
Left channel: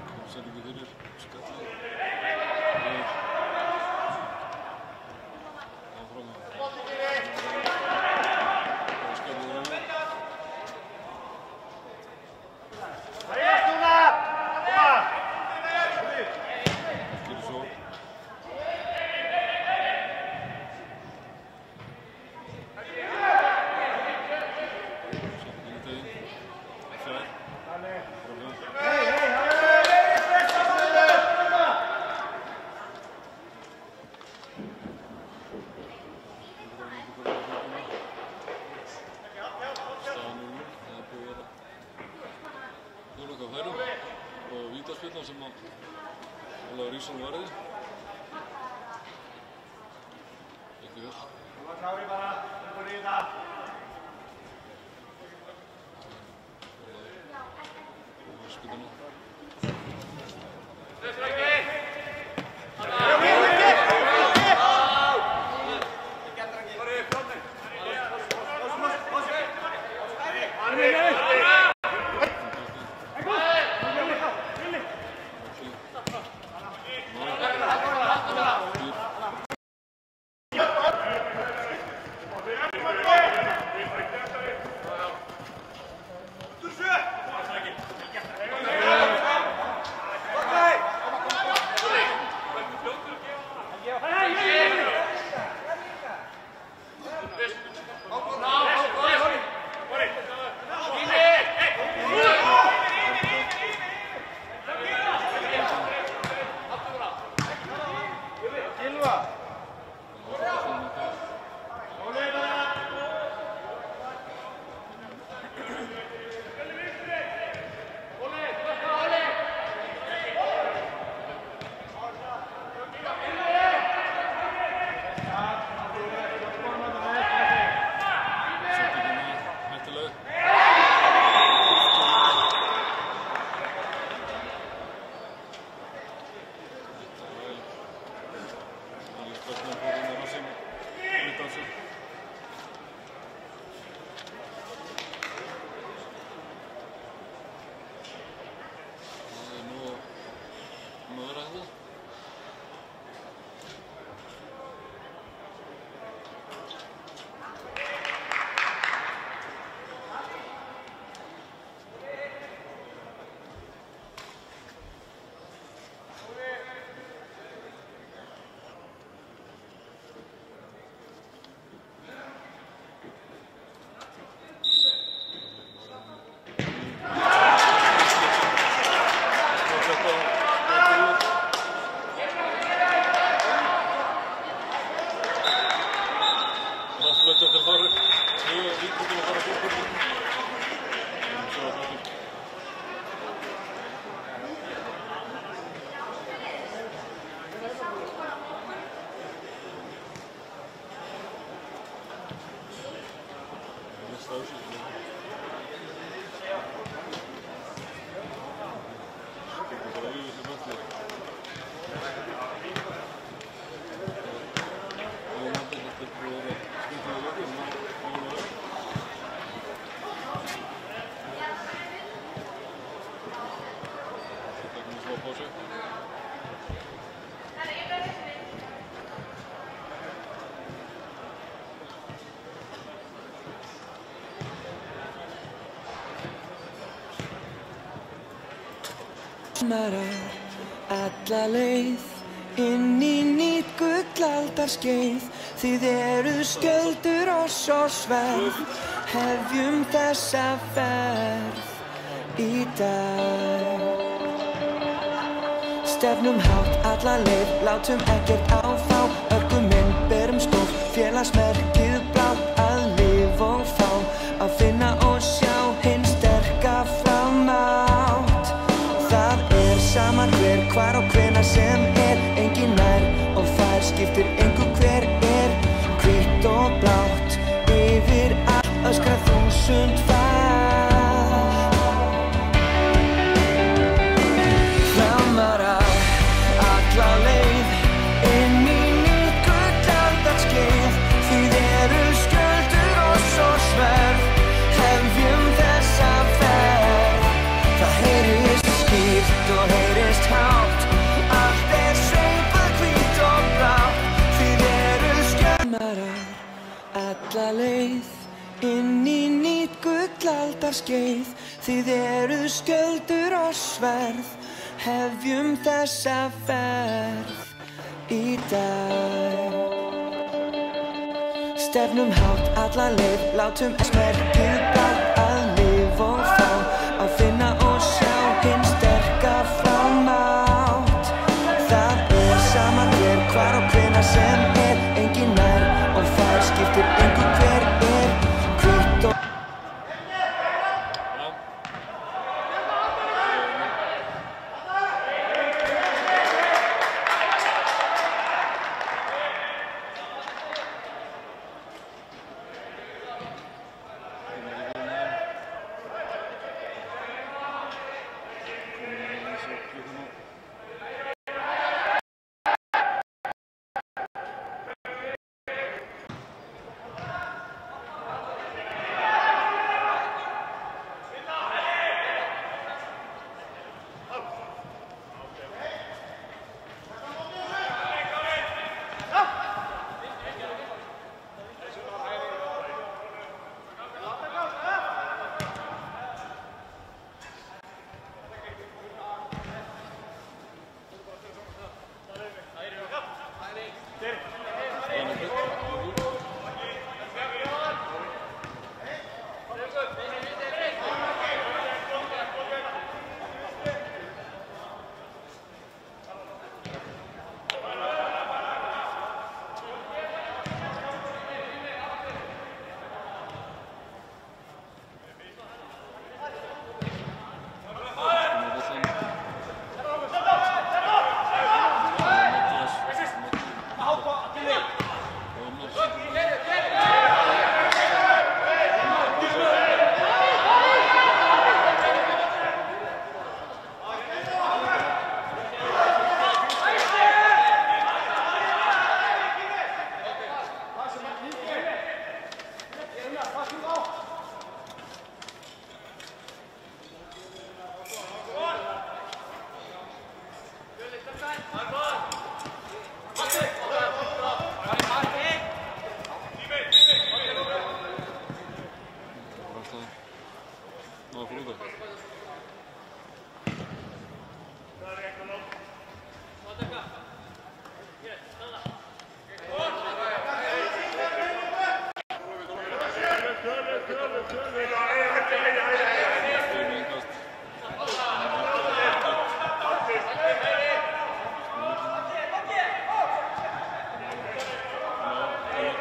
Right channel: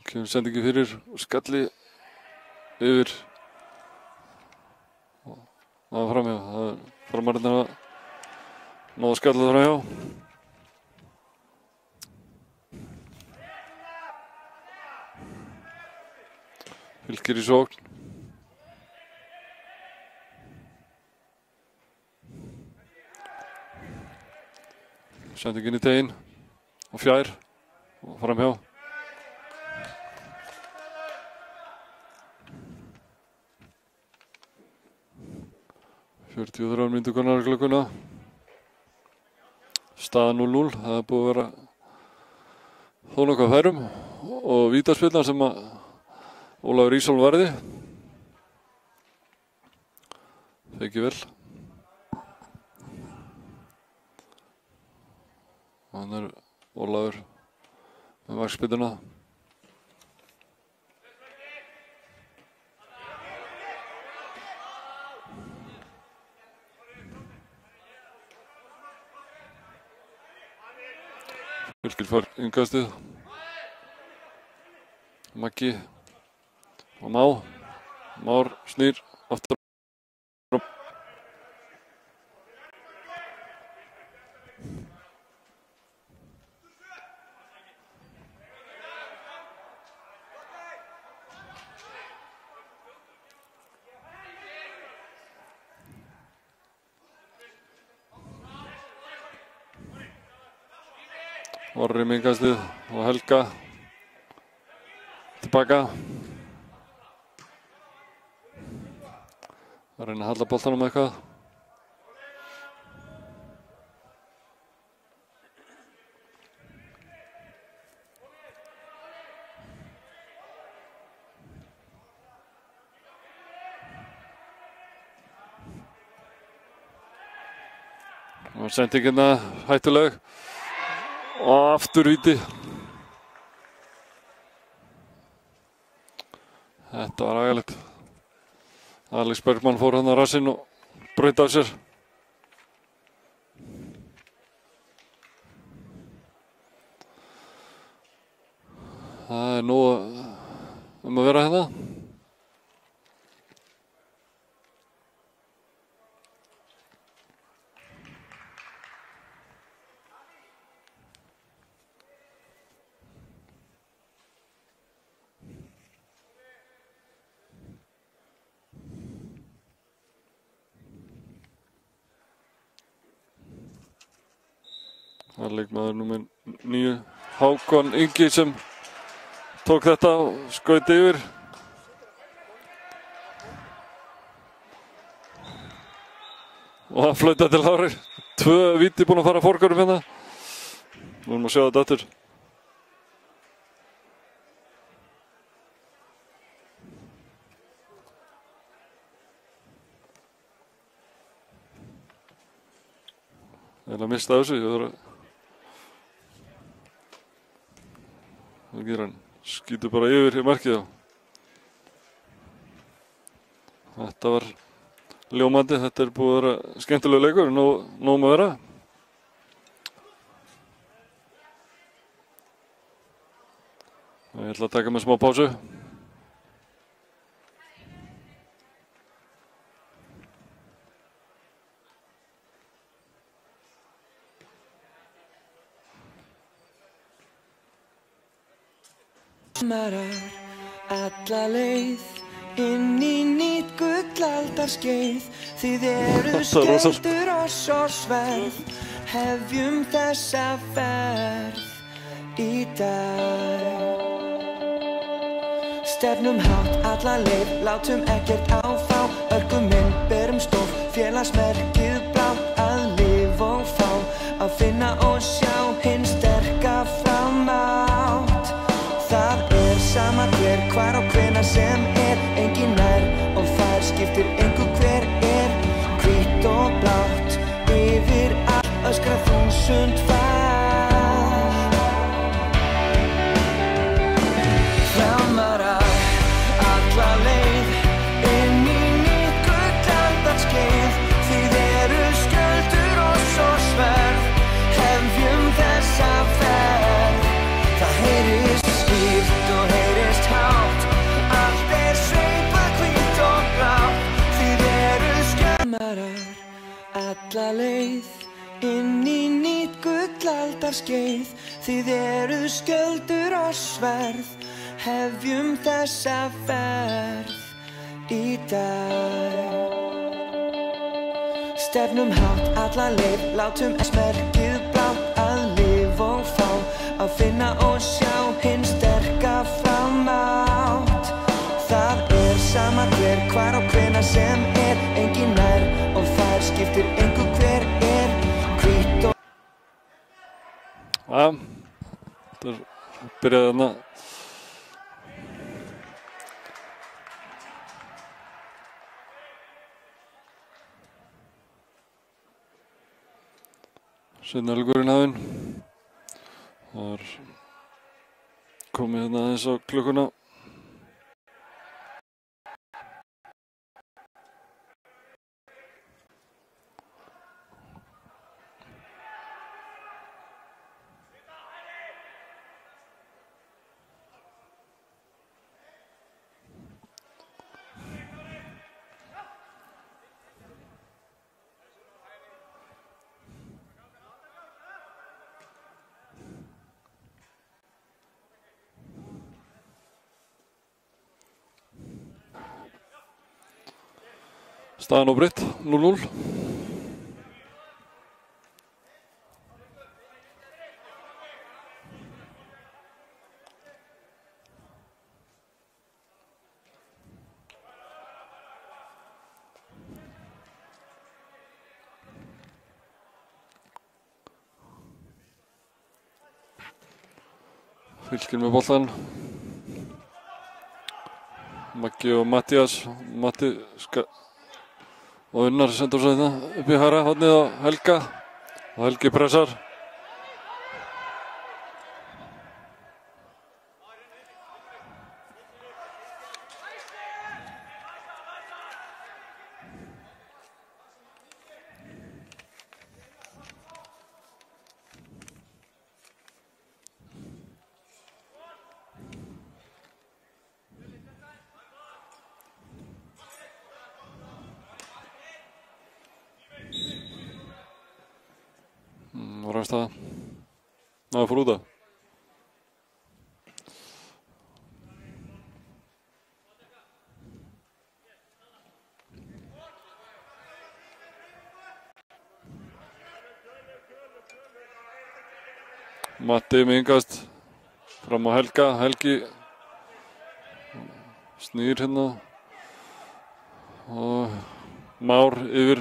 Kemur sendingi fyrir. Skalli yfir. Það var framhjá. Það var frammarinn að ná skalla framhjá. Fylkir í sókn. Sendingin í teginn. Fjær. Framhjá. Þrjár mínútur konar á klukkuna. Staða 0-0. Það er búið að vera þó nokkuð færum og vítaspyrna sem að Ólafur Ísholm varði. Ekki vel. Hann er Ólafur með vakspyrnuna. Fylkir fór innkastið. Maggi og Már snýr aftur. Orri með innkastið og Helga tilbaka. Að reyna að halla boltanum eitthvað. Sendingina hættuleg. Og aftur víti. Þetta var agalegt. Alex Bergmann fór hann á rassinn og braut af sér. Það er nóg að vera hérna. Það er leikmaður númer 9, Hákon Ingi sem tók þetta og skaut yfir. Og það flautað til Þórir. 2 víti búin að fara fórgörum hérna. Við erum að sjá þetta aftur. Ég er að mista þessu. Hann skýtur bara yfir í markið. Þetta var ljómandi. Þetta er búið að vera skemmtilegur leikur. Nóg að vera. Ég ætla að taka með smá pásu. Marar alla leið inn í nýtt gullaldarskeið. Þið eruð skjöldur oss og sverð, hefjum þessa ferð í dag. Stefnum hátt alla leið, látum ekkert á þá. Örgum inn, berum stór, félagsmerkið blátt. Að lifa og fá, að finna og sjá hinn sterka framátt. Það sama hver, hvar og hvenær sem engin nær og fær, skiptir engu hver hvítt og blátt. Yfir allt öskra 1000 fall. Framarar alla leið, inn í nýtt gullaldarskeið. Þið eruð skjöldur oss og sverð, hefjum þessa ferð. Það heyrist skýrt og heyrist hátt, allt sveipað hvítt og blátt. Þið eruð skjölmarar alla leið, inn í nýtt gullaldarskeið. Þið eruð skjöldur og sverð, hefjum þessa ferð í dag. Stefnum hátt alla leið, látum merkið blátt. Að lifa og fá, að finna og sjá hinn sterka framátt. Það sama hver, hvar og hvenær sem engin nær og fær, skiptir engu hver hvítt og... Ja, det byrjaði hérna. Seinni hálfleikurinn hafinn. Það var komið hérna aðeins á klukkuna. Staðan óbreytt, 0-0. Fylkir með boltan. Maggi og Mattías. Matti og Unnar sendur svo þetta upp í hægra hornið á Helga og Helgi pressar. Það fór út af. Matti með yngast fram á Helga. Helgi snýr hérna og Már yfir.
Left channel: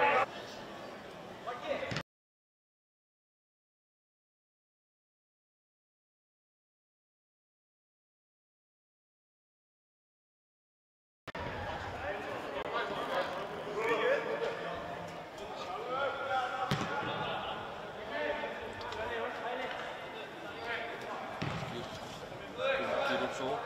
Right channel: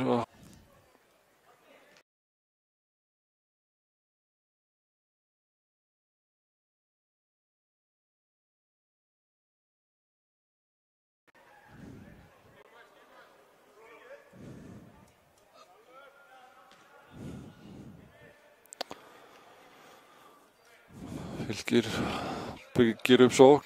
Byggir upp sókn.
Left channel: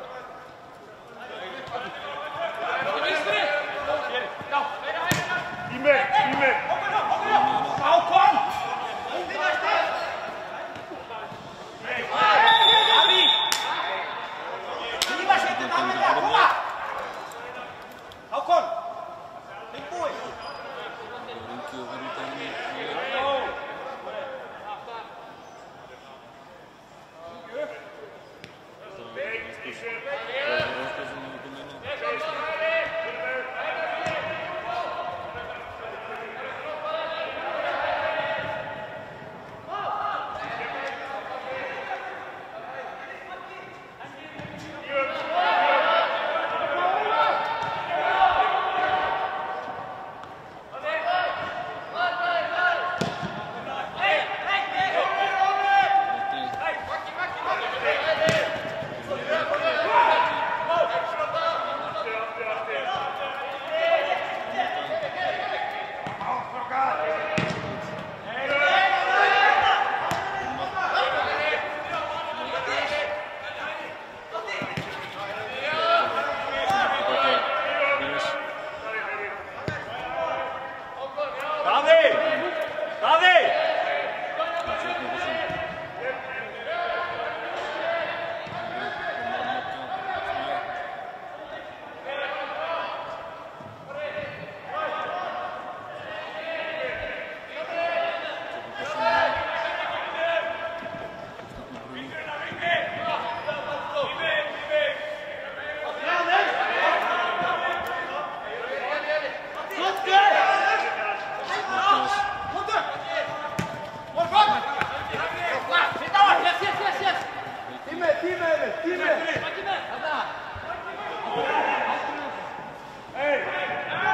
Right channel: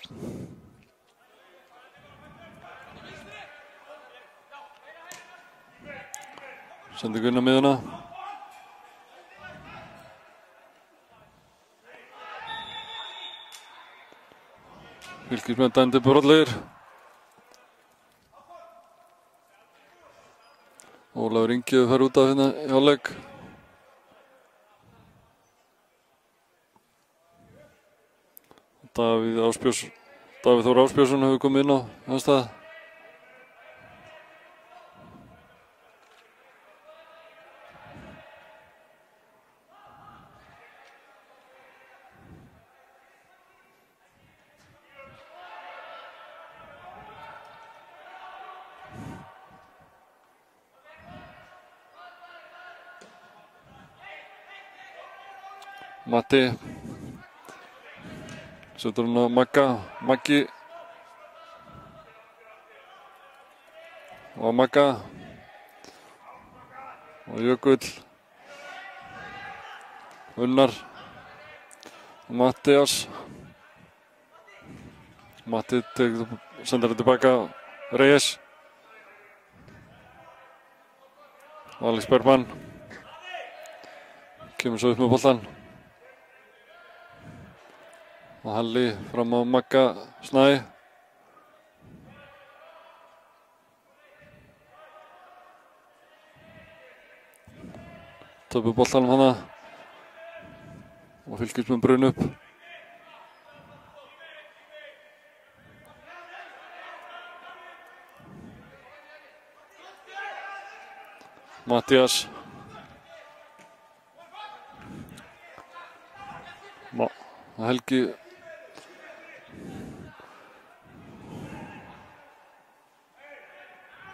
Sendir Gunnar miðuna. Fylkirmenn dæmdir brotlegir. Ólafur Ingi fer út af hérna í hálfleik. Davíð Þór Ásbjörnsson hefur komið inn á næsta. Matti. Setur hann á Magga. Maggi. Og Magga. Jökull. Unnar. Mattias. Matti sendar hann tilbaka. Reyes. Alex Bergman. Kemur svo upp með boltan. Og Halli fram á Magga Snæ. Töpu boltan hana. Og Fylkir með brun upp. Mattias. Helgi.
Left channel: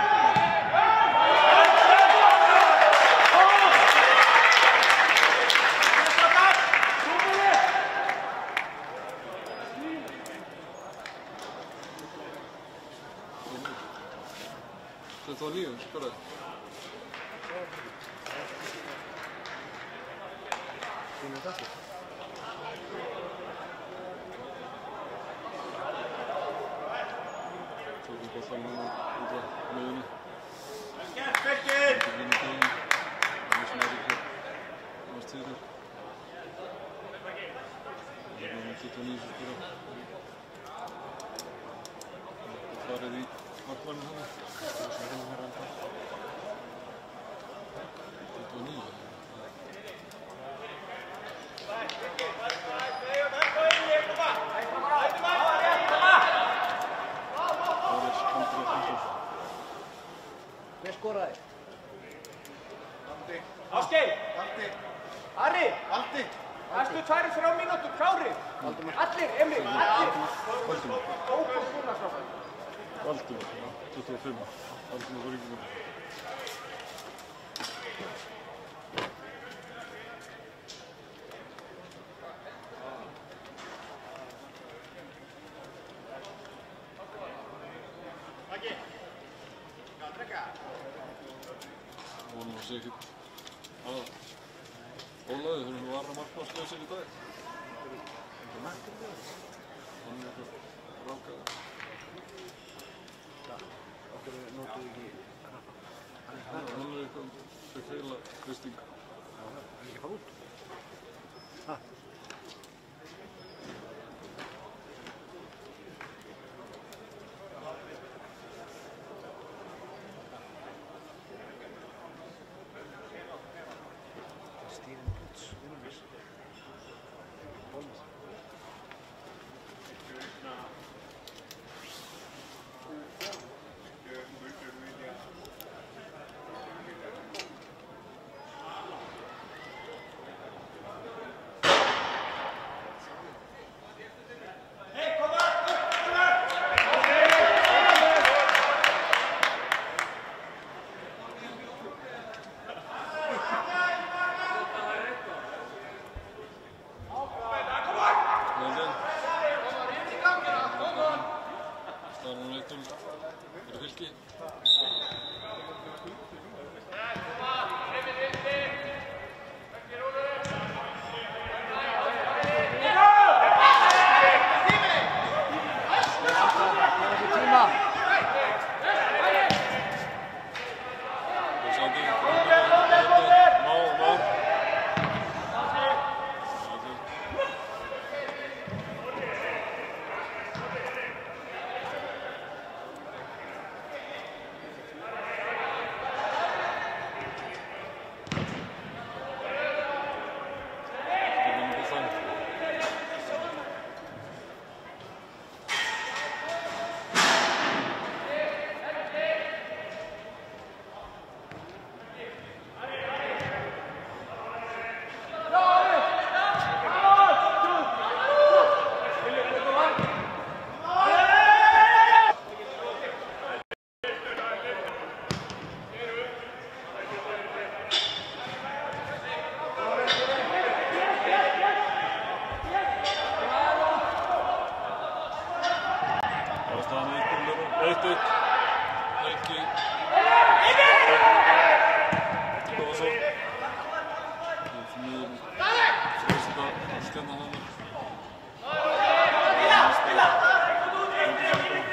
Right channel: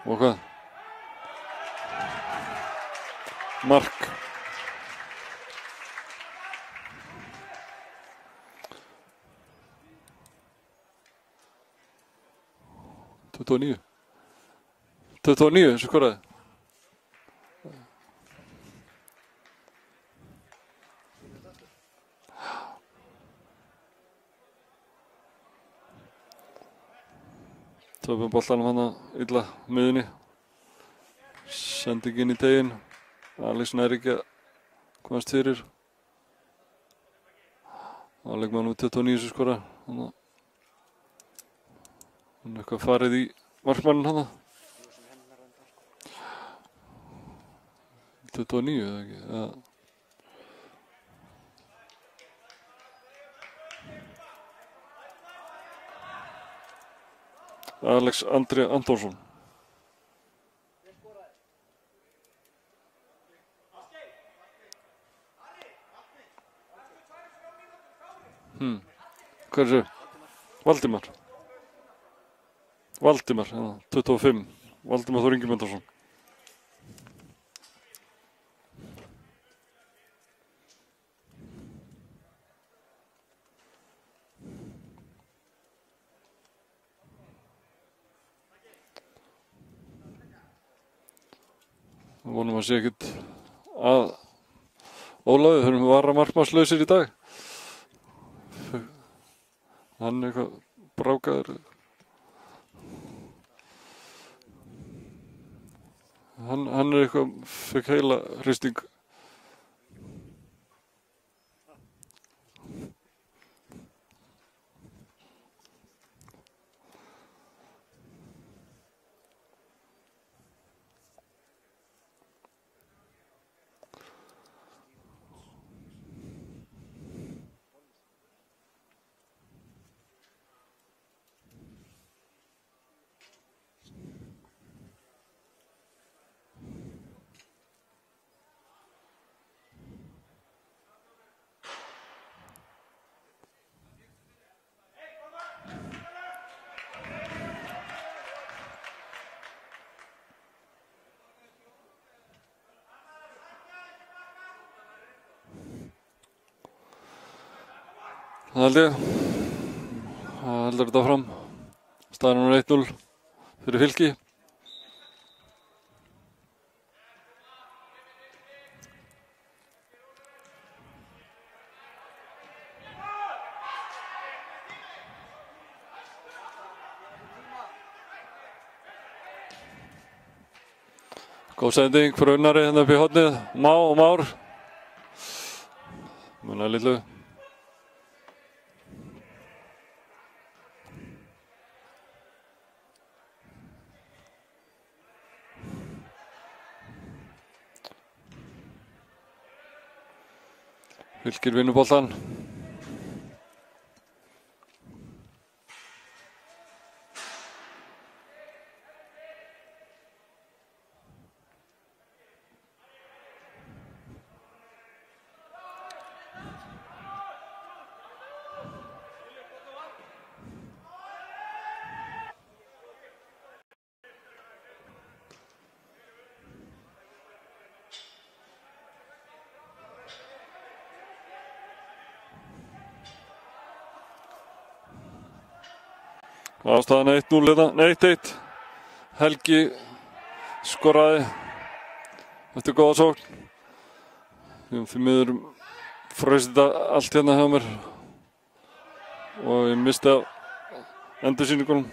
Og hvað? Mark. Tuttugu og níu sem skoraði. Töfum boltanum hann illa miðunni. Sendingin í teginn. Alex nær ekki að komast fyrir. Leikmaður númer 29 sem skora. Hann er eitthvað farið í markmanninn hann. 29 eða ekki? Alex Andri Antonsson. Hver skoraði? Ásgeir! Ari! Næstu 2-3 mínútur, klárir! Allir, Emil! Hver er það? Valdimar. Valdimar, já, 25. Valdimar Þór Ingimundarson. Vonum að sé ekkert að Ólafi, þurfum við varamarkmannslausir í dag. Hann er eitthvað brákaður. Hann er eitthvað, fekk heila hristing. Það held ég. Það heldur þetta fram. Staðan númer 1-0 fyrir Fylki. Góð sending fyrir Unnari hérna upp í hornið. Má og Már. Núna er litlu. Fylkir vinnur boltan. Ástæðan 1-0 hérna, 1-1. Helgi skoraði. Þetta er góða sókn. Því miður fröst þetta allt hérna hjá mér. Og mista endursýningunum.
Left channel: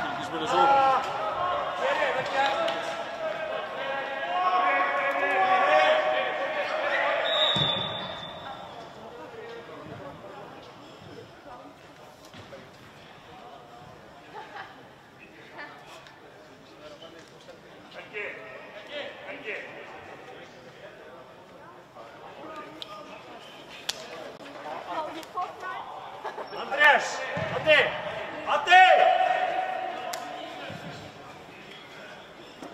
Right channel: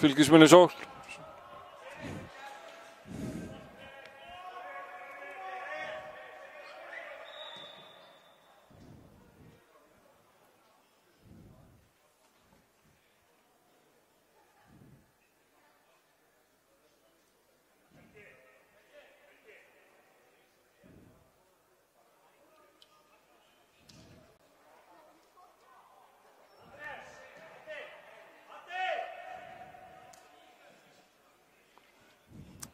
Fylkismenn í sókn.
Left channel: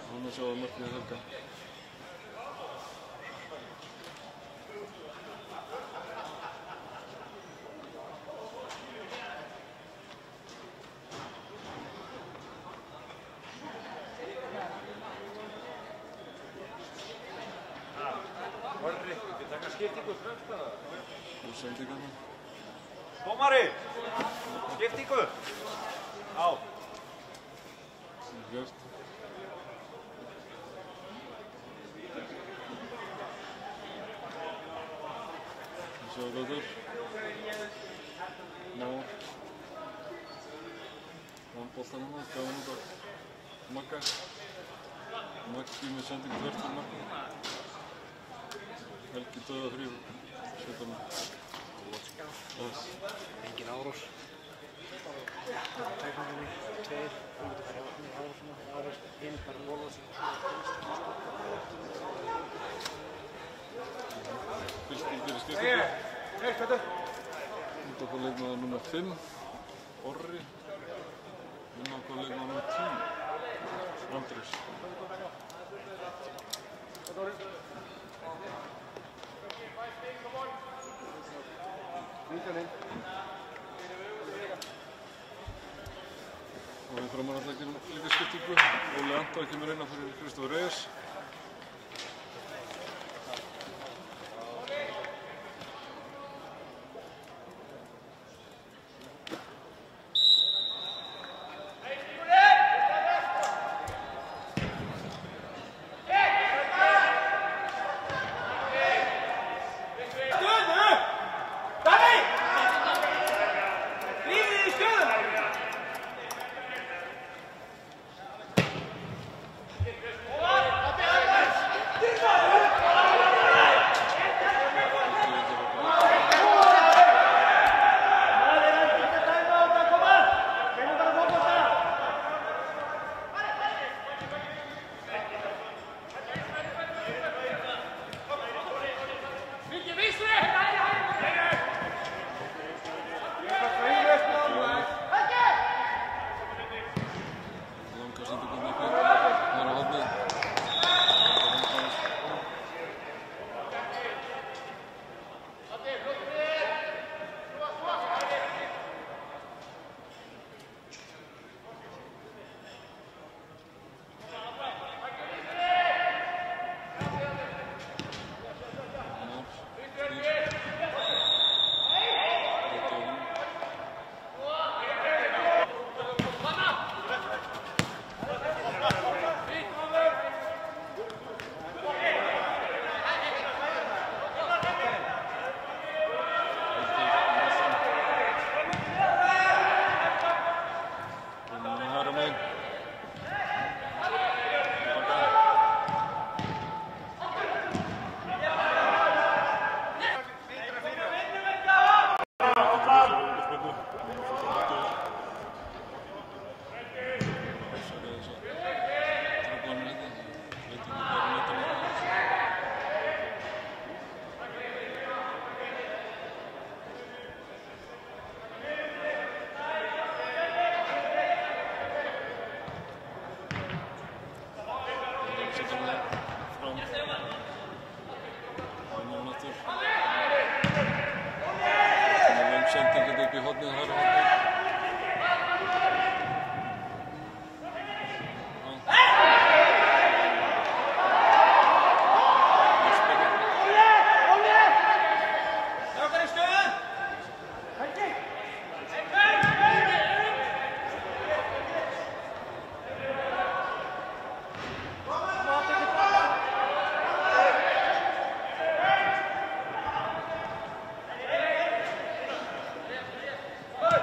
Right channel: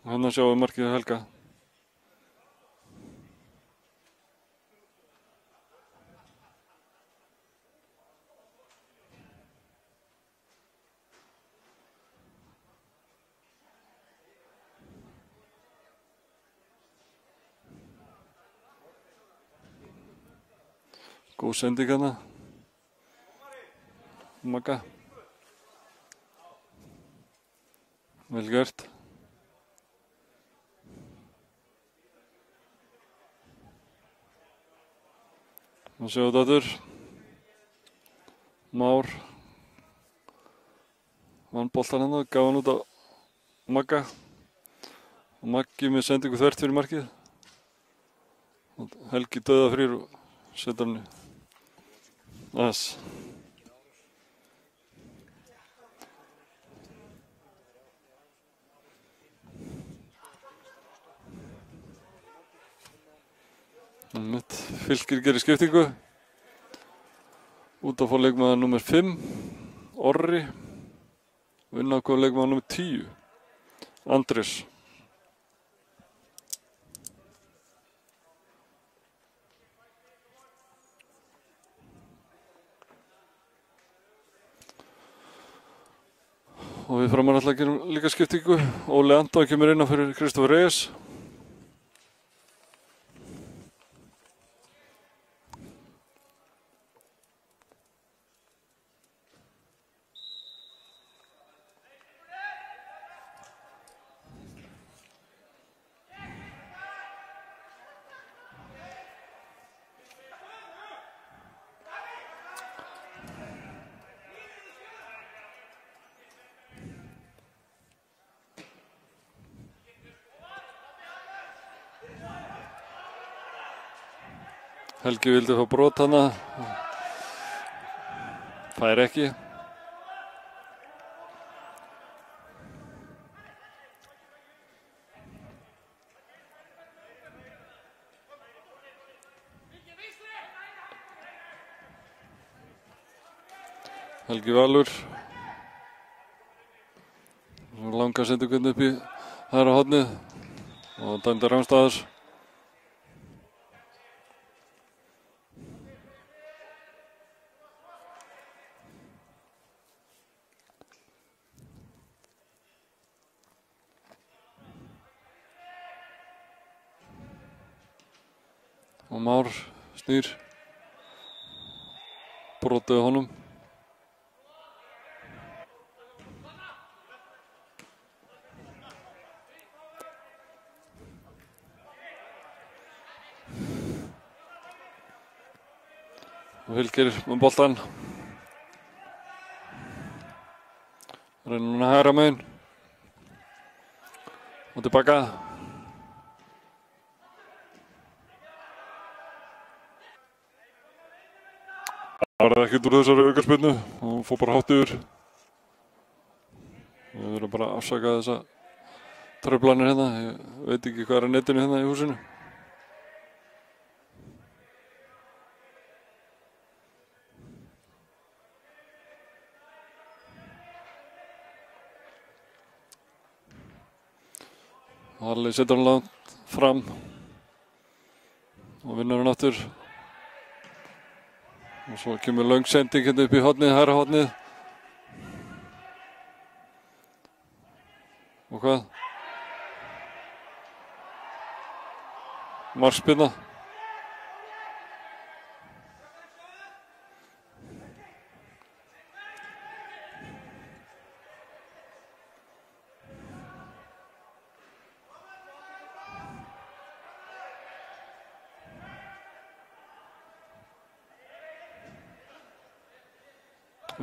Þannig að sjáum við markið Helga. Góð sending hérna. Dómari! Magga. Skiptingu! Já. Vel gert. Við sjáum þetta aftur. Már. Vann boltan hérna, gaf hann út á Magga. Maggi með sendingu þvert fyrir markið. Helgi dauðafrýr og setja hann aðeins. Engin árás. Fylkir gerir skiptingu. Út að fá leikmaður nummer 5, Orri. Inn á hvað leikmaður nummer 10, Andrés. Og við framar alltaf gerum líka skiptingu. Óli Andá kemur inn á fyrir Kristoffer Reyes. Helgi vildi fá brot hana. Það er ekki. Helgi Valur. Langar sendur hvernig upp í hægra hornið. Og dæmda Rangstaðars. Már snýr. Brotið á honum. Fylkir um boltan. Reynir hann að hægra megin. Tilbaka. Það er ekkert úr þessari aukaspyrnu. Hún fór bara hátt yfir. Við verðum bara að afsaka þessa truflanir hérna. Ég veit ekki hvað er á netinu hérna í húsinu. Harli setur hann langt fram og vinnur hann aftur. Svo kemur löng sending hérna upp í hornið, hægra hornið. Og hvað? Marspinna.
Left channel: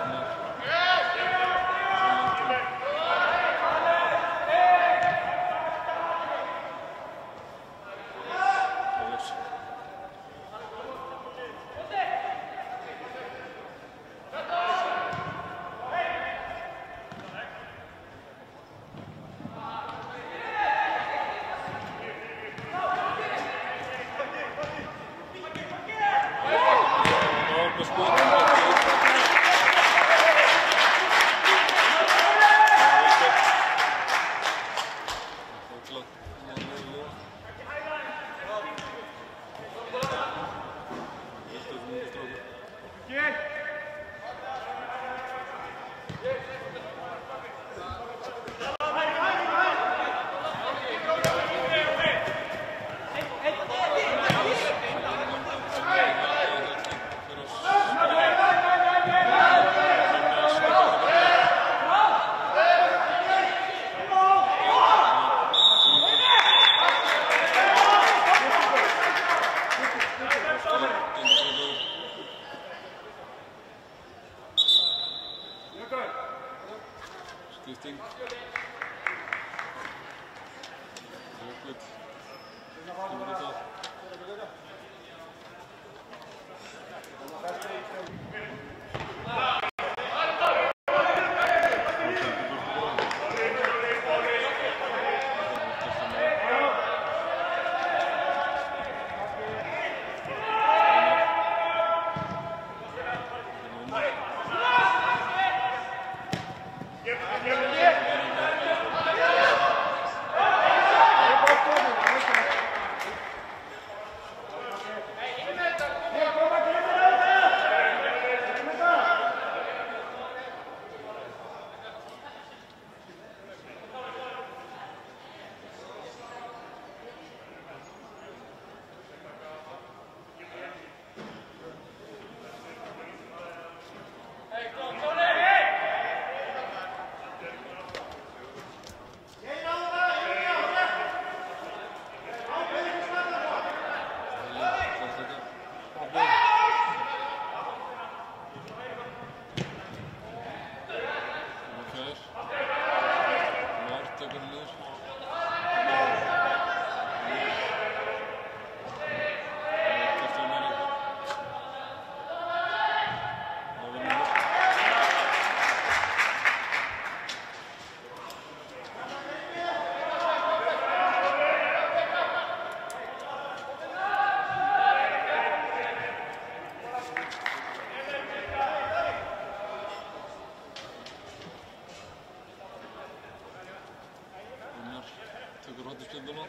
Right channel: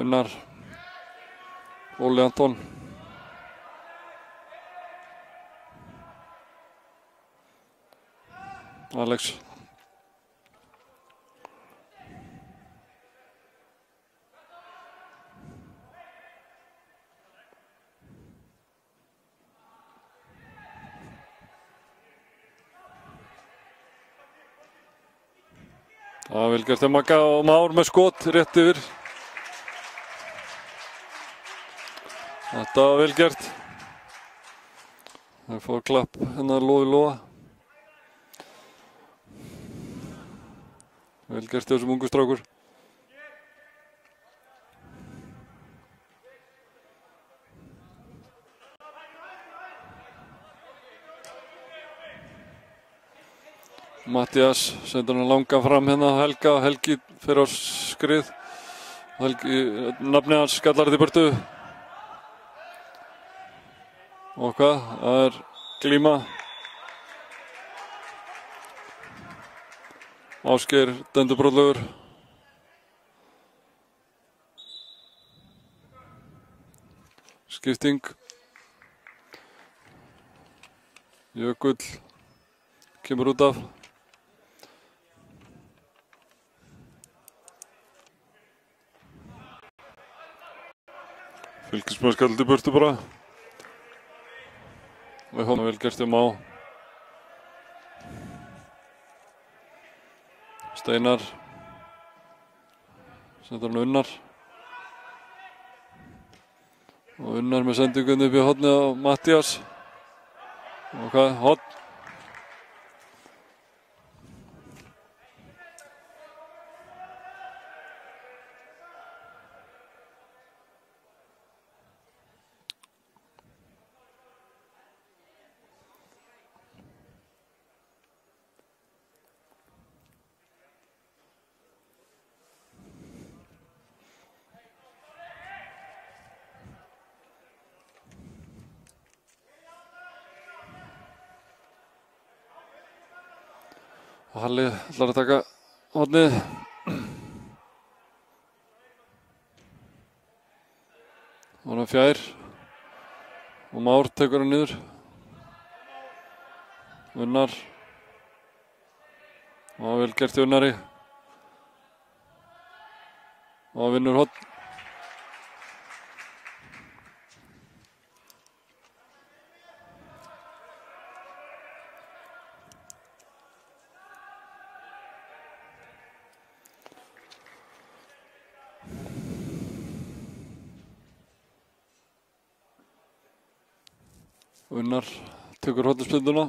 Unnar. Óli Anton. Alex. Það vel gert Magga og Már með skot rétt yfir. Þetta var vel gert. Það fór klapp hennar Lói Lóa. Vel gert þessum ungu strákur. Mattias sendur hann langa fram hérna á Helga. Helgi fyrir á skrið. Helgi, nafnið hans skallar þetta í burtu. Og hvað? Það er glíma. Ásgeir döndubróðlegur. Skipting. Jökull kemur út af. Fylkismenn skaldi burtu bara. Með honum vel gert Má. Steinar. Sendur hann Unnar. Unnar með sendingunni upp í hornið á Mattias. Og hvað? Hopp. Halli ætlar að taka hornið. Hann fjær. Og Már tekur hann niður. Unnar. Og vel gert Unnari. Og vinnur horn. Unnar tekur hornspyrnuna.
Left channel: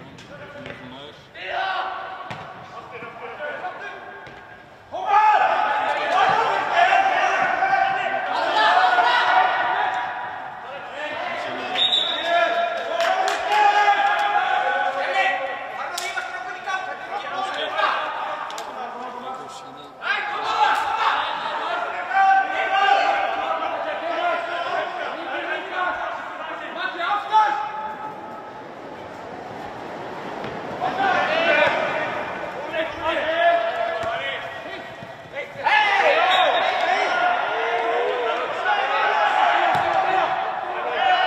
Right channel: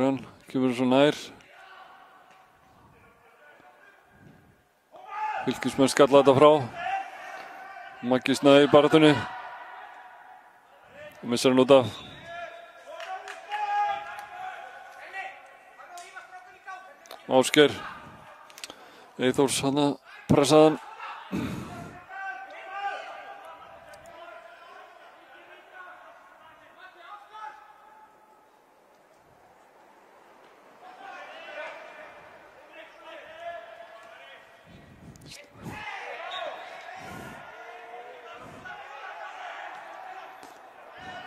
Hann kemur svo nær. Fylkismenn skalla þetta frá. Maggi snæði í baráttunni. Missar hann út af. Ásgeir. Eyþórs hann að pressa hann.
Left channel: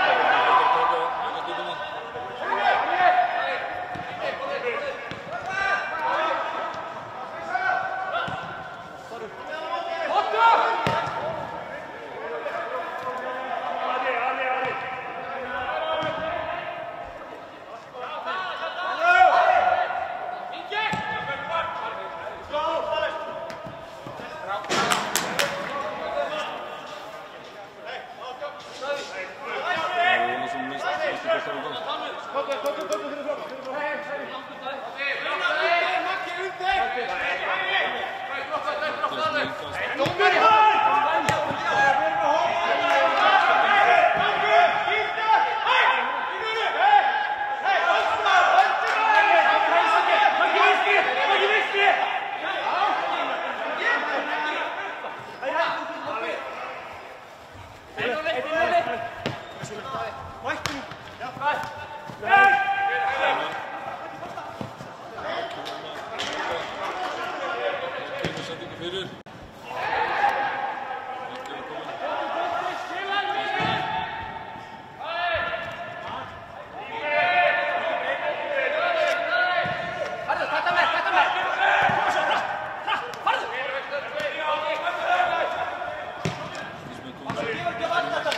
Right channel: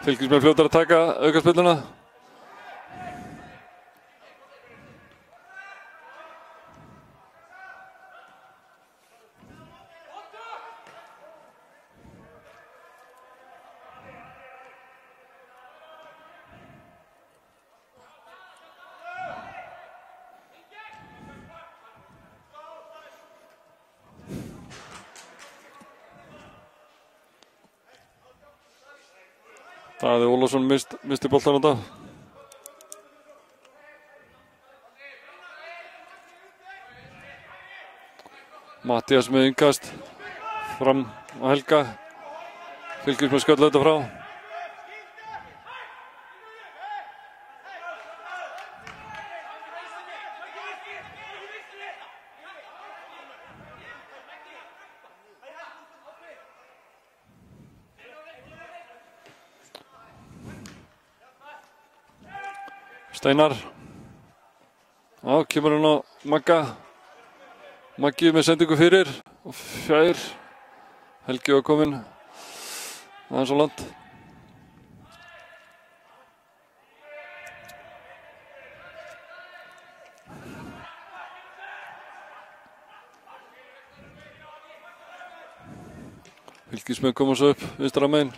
Fylkismenn fljótar að taka aukaspyrnuna. Daði Ólafsson misti boltan á þetta. Mattías með innkast fram á Helga. Fylgir på skalla þetta frá. Steinar. Já, kemur hann á Magga. Maggi með sendingu fyrir. Fjær. Helgi var kominn. Það er svo langt. Helgismenn koma svo upp, vinstra megin.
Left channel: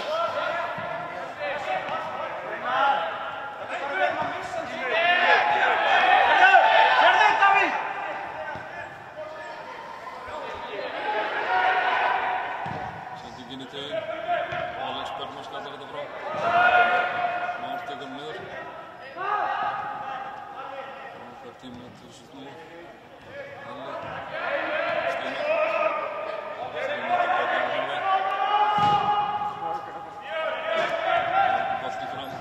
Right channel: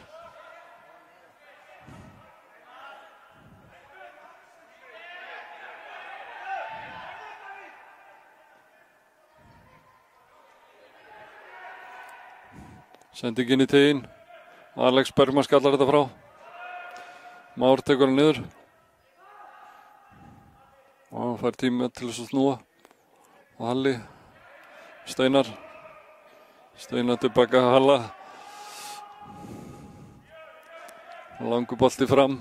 Sendingin í teginn. Alex Bergman skallar þetta frá. Már tekur hann niður. Og hann fær tíma til þess að snúa. Halli. Steinar. Steinar tilbaka Halla. Langur bolti fram.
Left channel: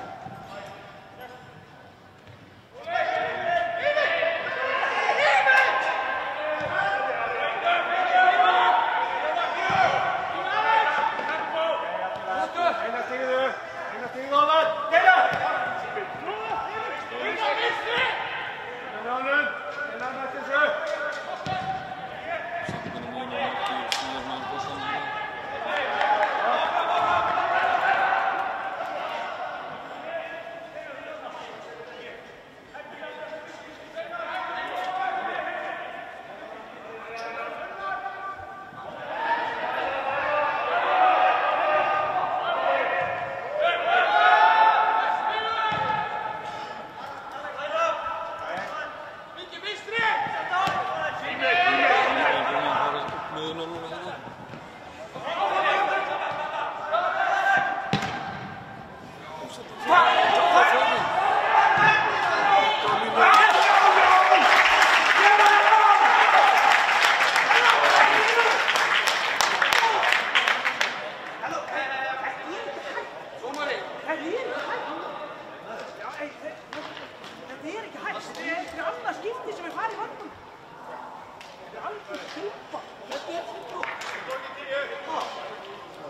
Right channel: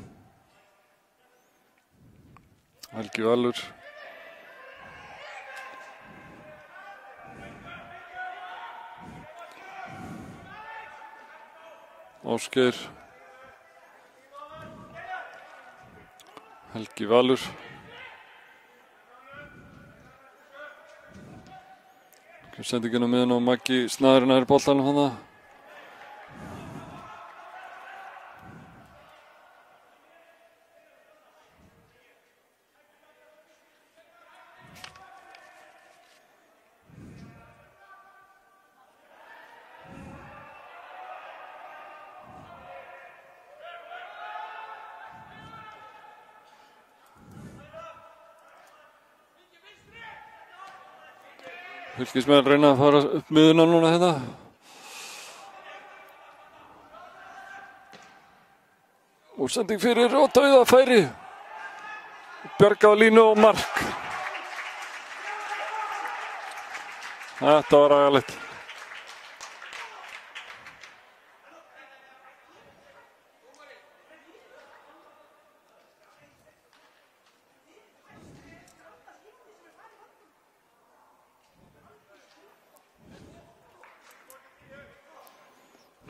Helgi Valur. Ásgeir. Helgi Valur. Sendingin á miðun og Maggi snaður nær boltanum hérna. Fylkismenn reyna að fara upp miðuna núna hérna. Og sending fyrir og dauðafæri. Bjarga á línu og mark. Þetta var aðalegt.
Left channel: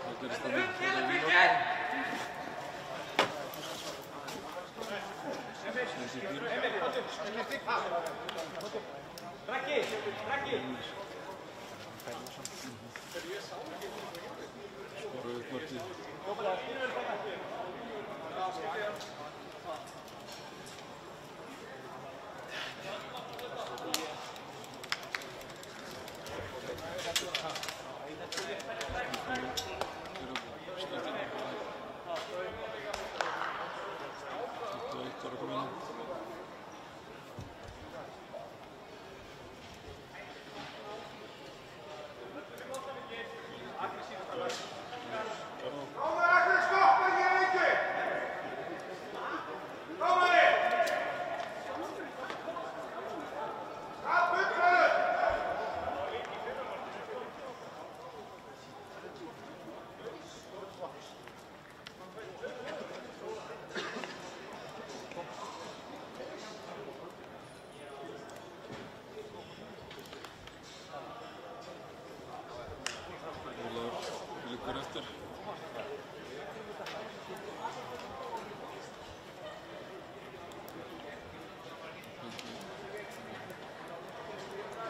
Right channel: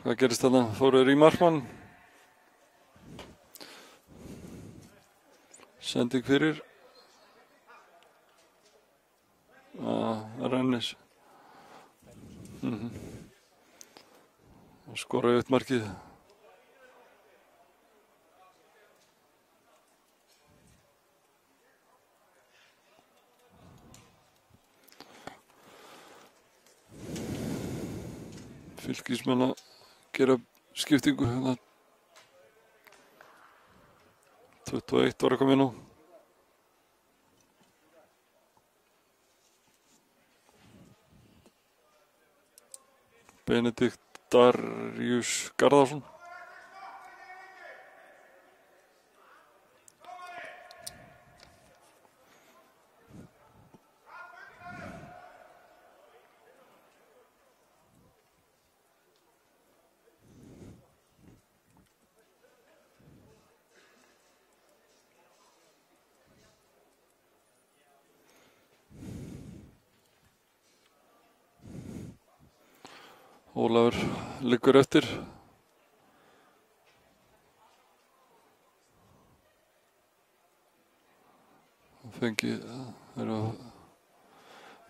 Hvað gerist þarna? Fóruður í markmann. Sending fyrir. Og Rennis. Skoraði upp markið. Fylkismenn að gera skiptingu. 21 var að koma inn á. Benedikt Darius Garðarsson. Ólafur liggur eftir. Fengi er að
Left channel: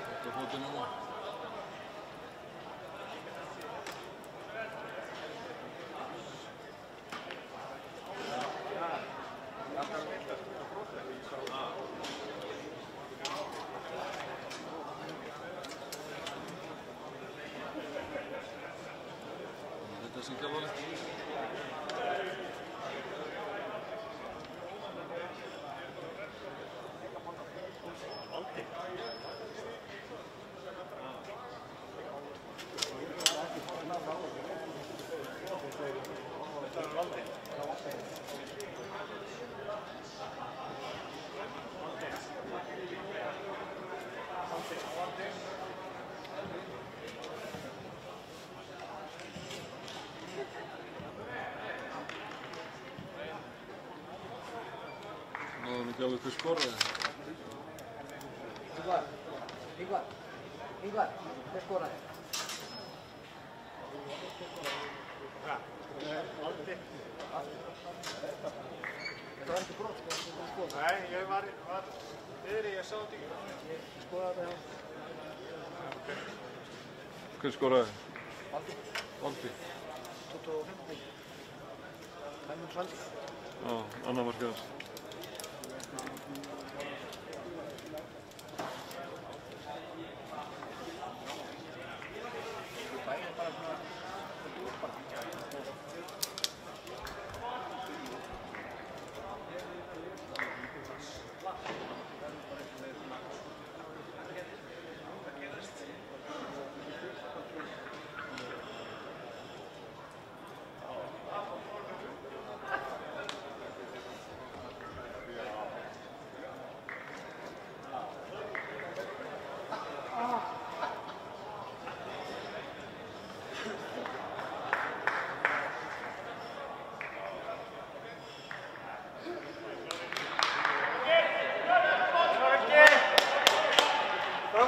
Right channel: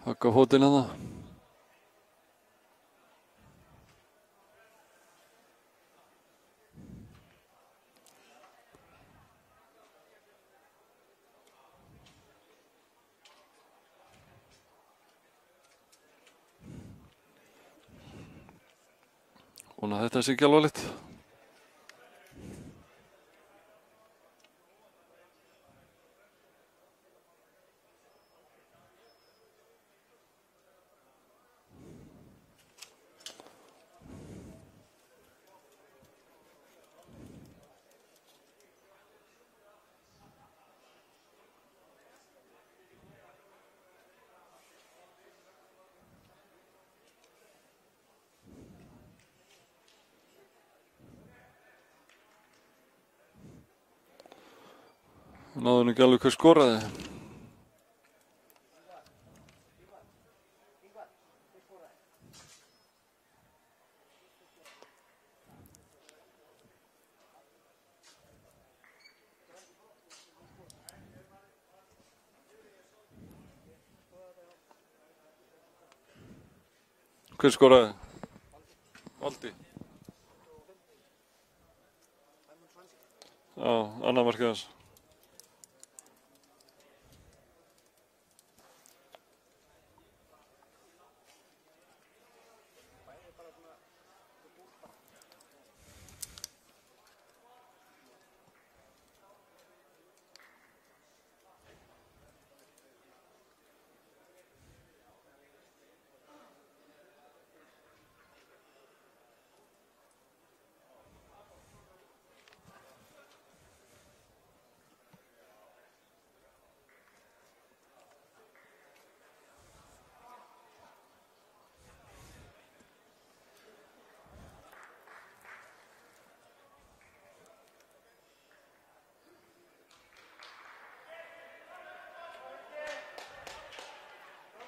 hakka fótinn hana. Þetta sé ekki alvarlegt. náðu ekki alveg hver skoraði. Ingvar, hver skoraði? Þetta var ekki brot, sko. Nei, ég var niðri, ég sá þetta ekki. Skoraði þetta hjá. Hver skoraði? Valdi. 25. Hæmund Svandi. Já, annað markið hans.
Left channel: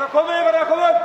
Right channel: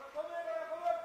Komið, bara komið!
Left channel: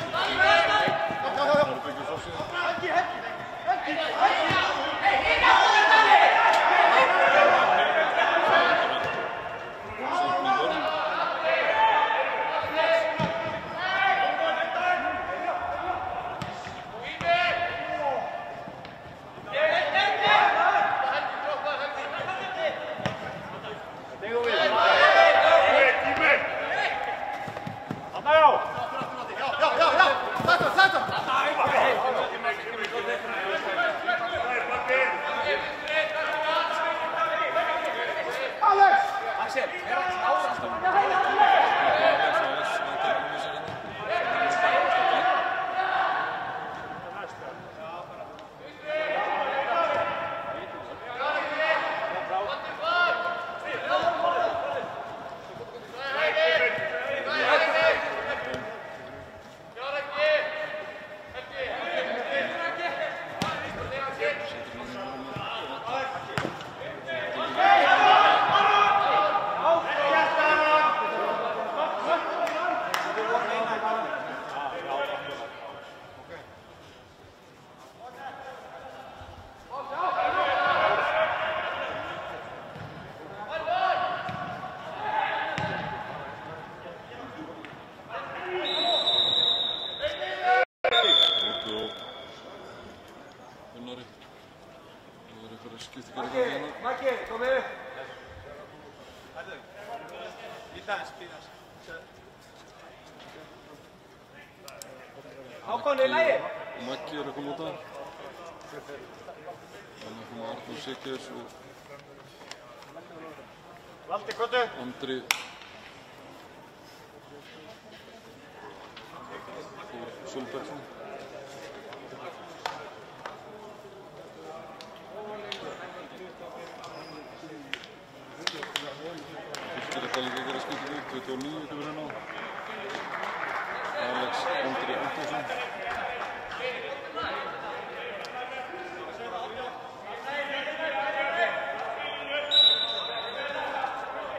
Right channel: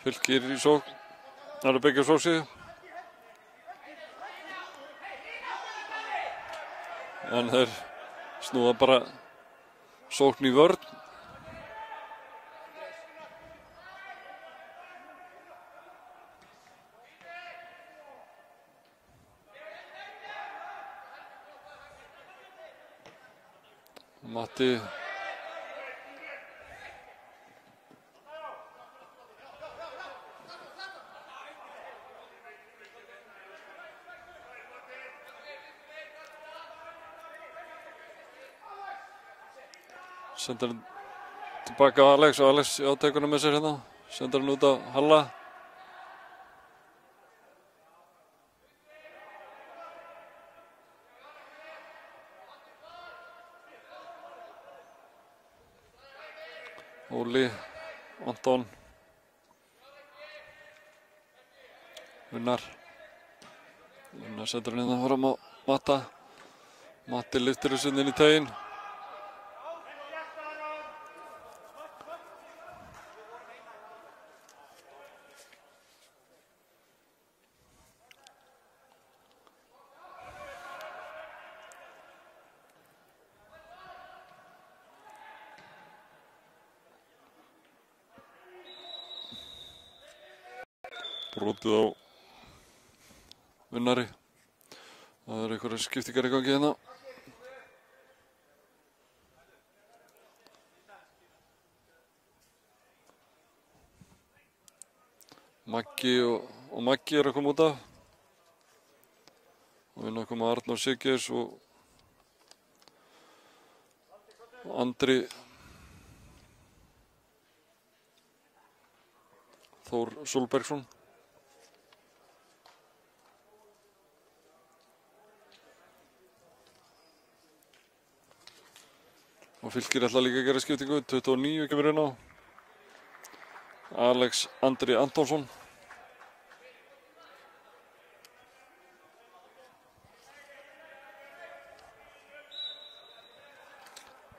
Fylkir í sók. Það er að byggja sóksíðu. En þeir snúða bara sókn í vörn. Sendir hann tilbaka á Alex og Alex á tekunum með sér hérna. Sendir hann út á Halla. Múli, Anton. Einar. Sendir hann hérna fram á Matta. Matti lyftir þessu inn í teginn. Brotið á Vinnari. Það eru einhverja skiptingar í gangi hérna. Maggi, komið! Maggi er að koma út af. Það er að koma Arnór Sigges og Valdi, hvað er? Andri Þór Solbergsson. Fylkir ætla líka að gera skiptingu, 29 kemur inn á. Alex Andri Antonsson.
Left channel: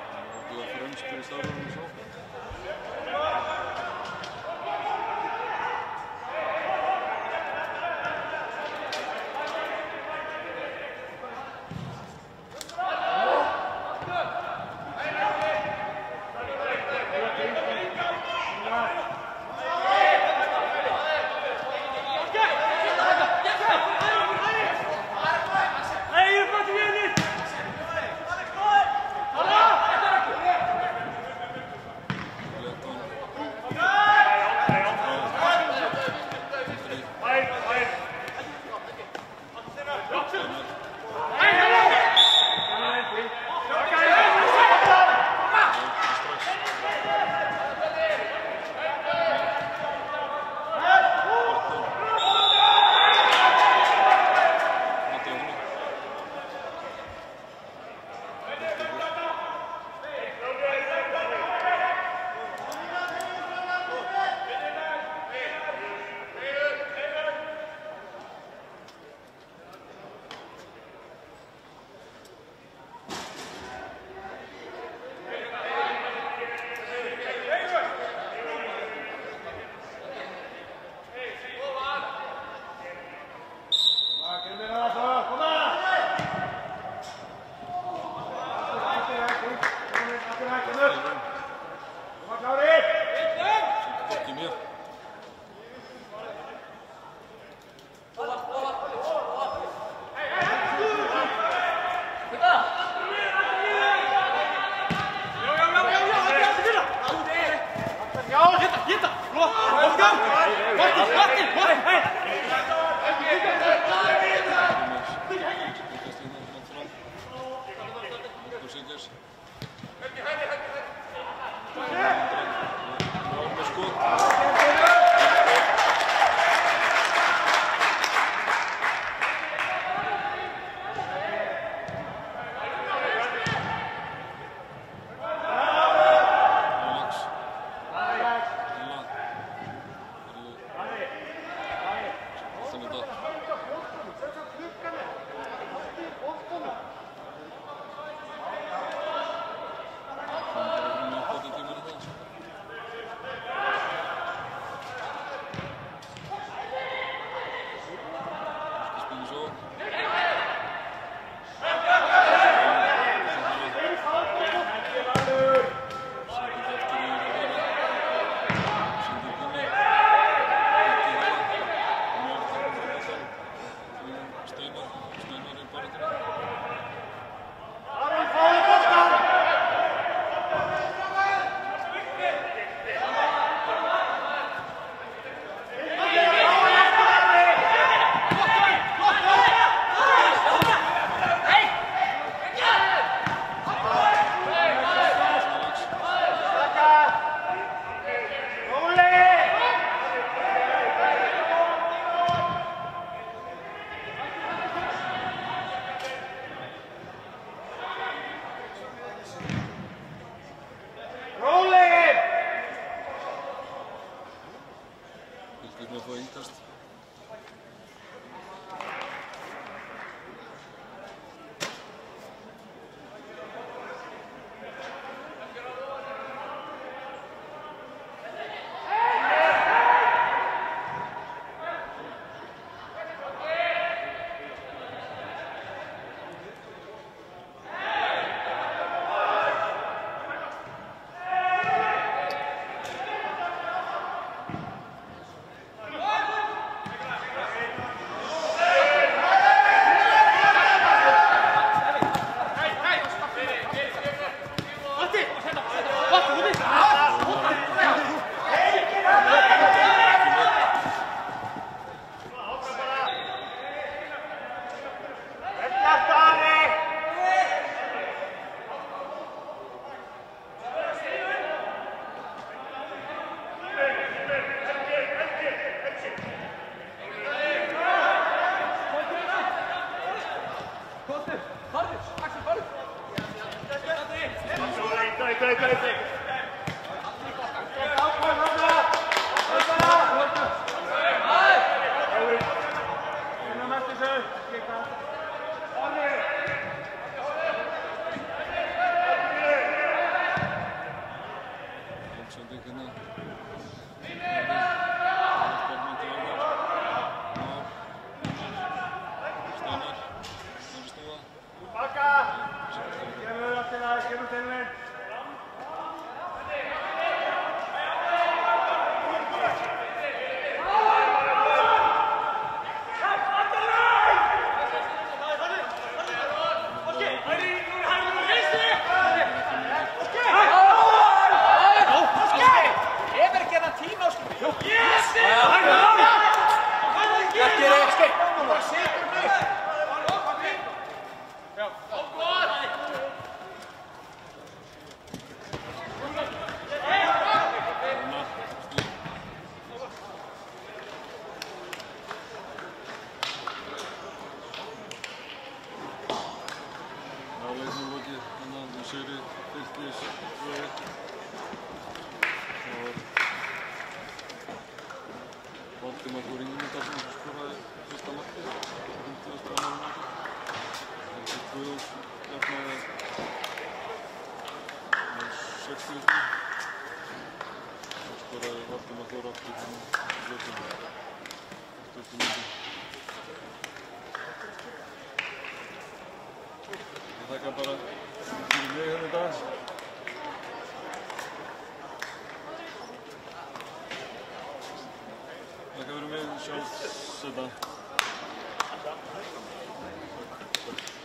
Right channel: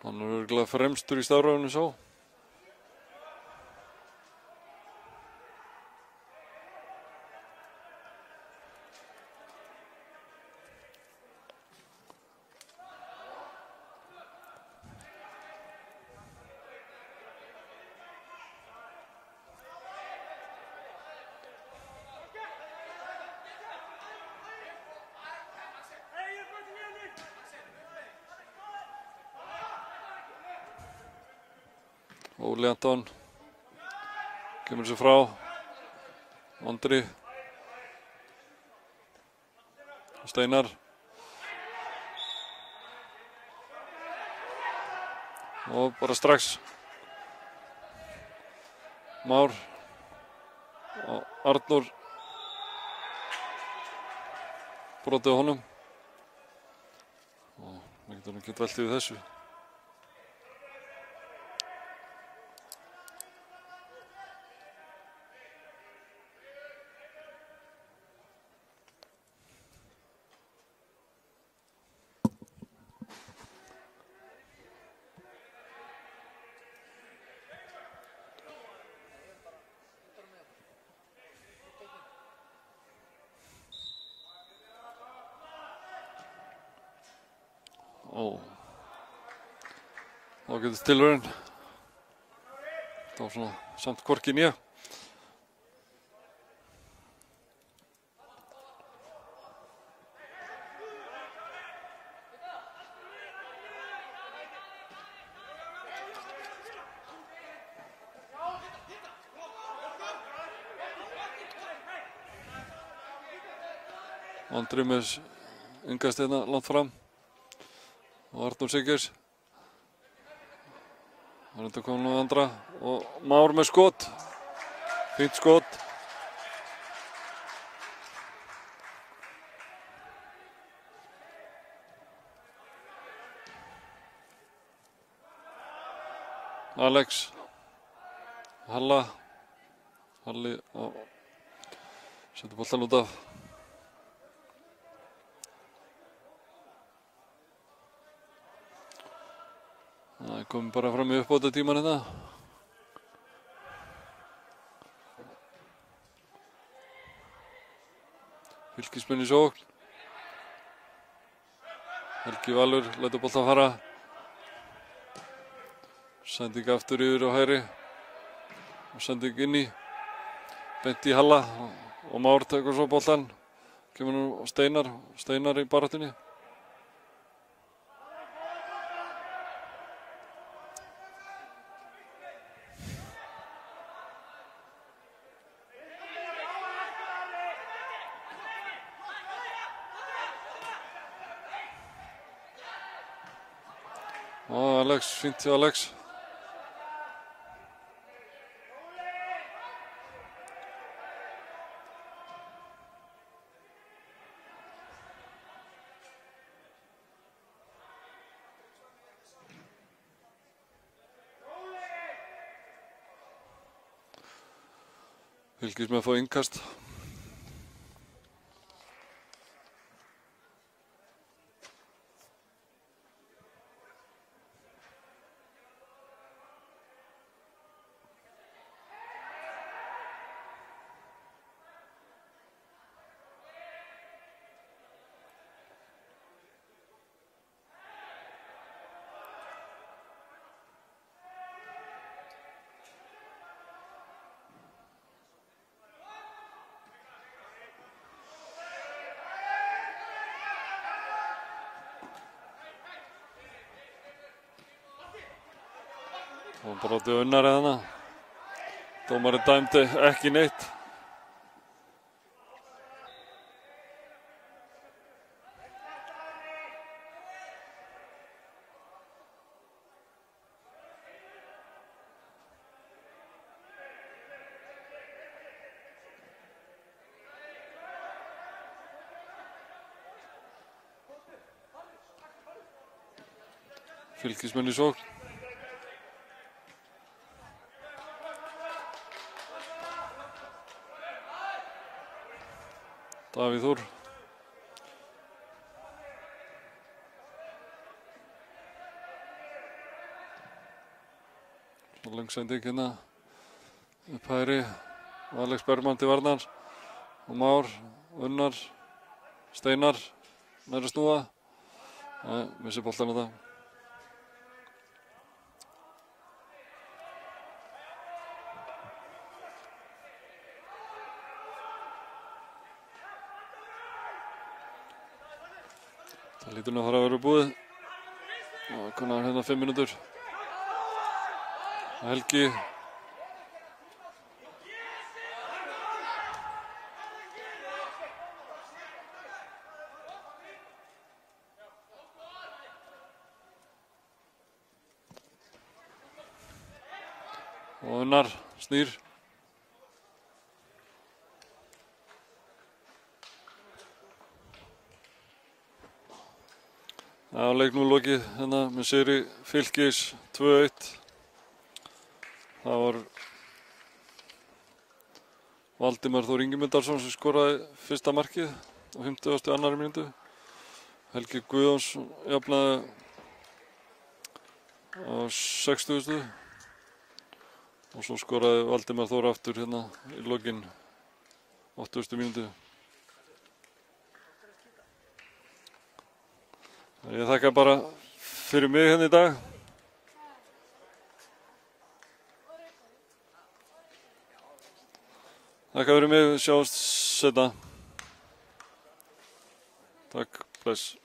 Hann er örugglega fremstur í stafrófinu sá. Anton kom sér frá Andri Steinar og bara strax Már Arnór brotið á honum það geta allt yfir þessu. Tilraun. Það er samt hvorki né. Andri með yngast hérna langt fram. Arnór Sigurs. Þetta komið með andra og Már með skot. Fínt skot. Alex. Halla. Halli og sem boltan út af. Kom bara fram í uppbótartímann hérna. Fylkismenn í sókn. Helgi Valur lætur boltann fara. Sending aftur yfir á hægri. Sending inni. Beint í Halla. Og Már tekur svo boltann. Kemur nú Steinar í baráttunni. Alex. Fylkismenn fá innkast. Dæmdi ekki neitt. í sók. Davíð Þór. Langsending hérna. Færi. Alex Bergmann til varnar. Már, Unnar, Steinar. Meira snúa. Nei, missi boltan þetta. Þetta nú þarf að vera búið. Þetta er hérna 5 mínútur. Helgi. Unnar snýr. Leik nú lokið hérna með sigri Fylkis 2-1. Það var Valdimar Þór Ingimundarson sem skoraði fyrsta markið á 52. mínútu. Helgi Guðjóns jafnaði á 60. Og svo skoraði Valdimar Þór aftur hérna í lokin 80. mínútu. Ég þakka bara fyrir mig hérna í dag. Þakka fyrir mig, sjáumst seinna. Takk, bless.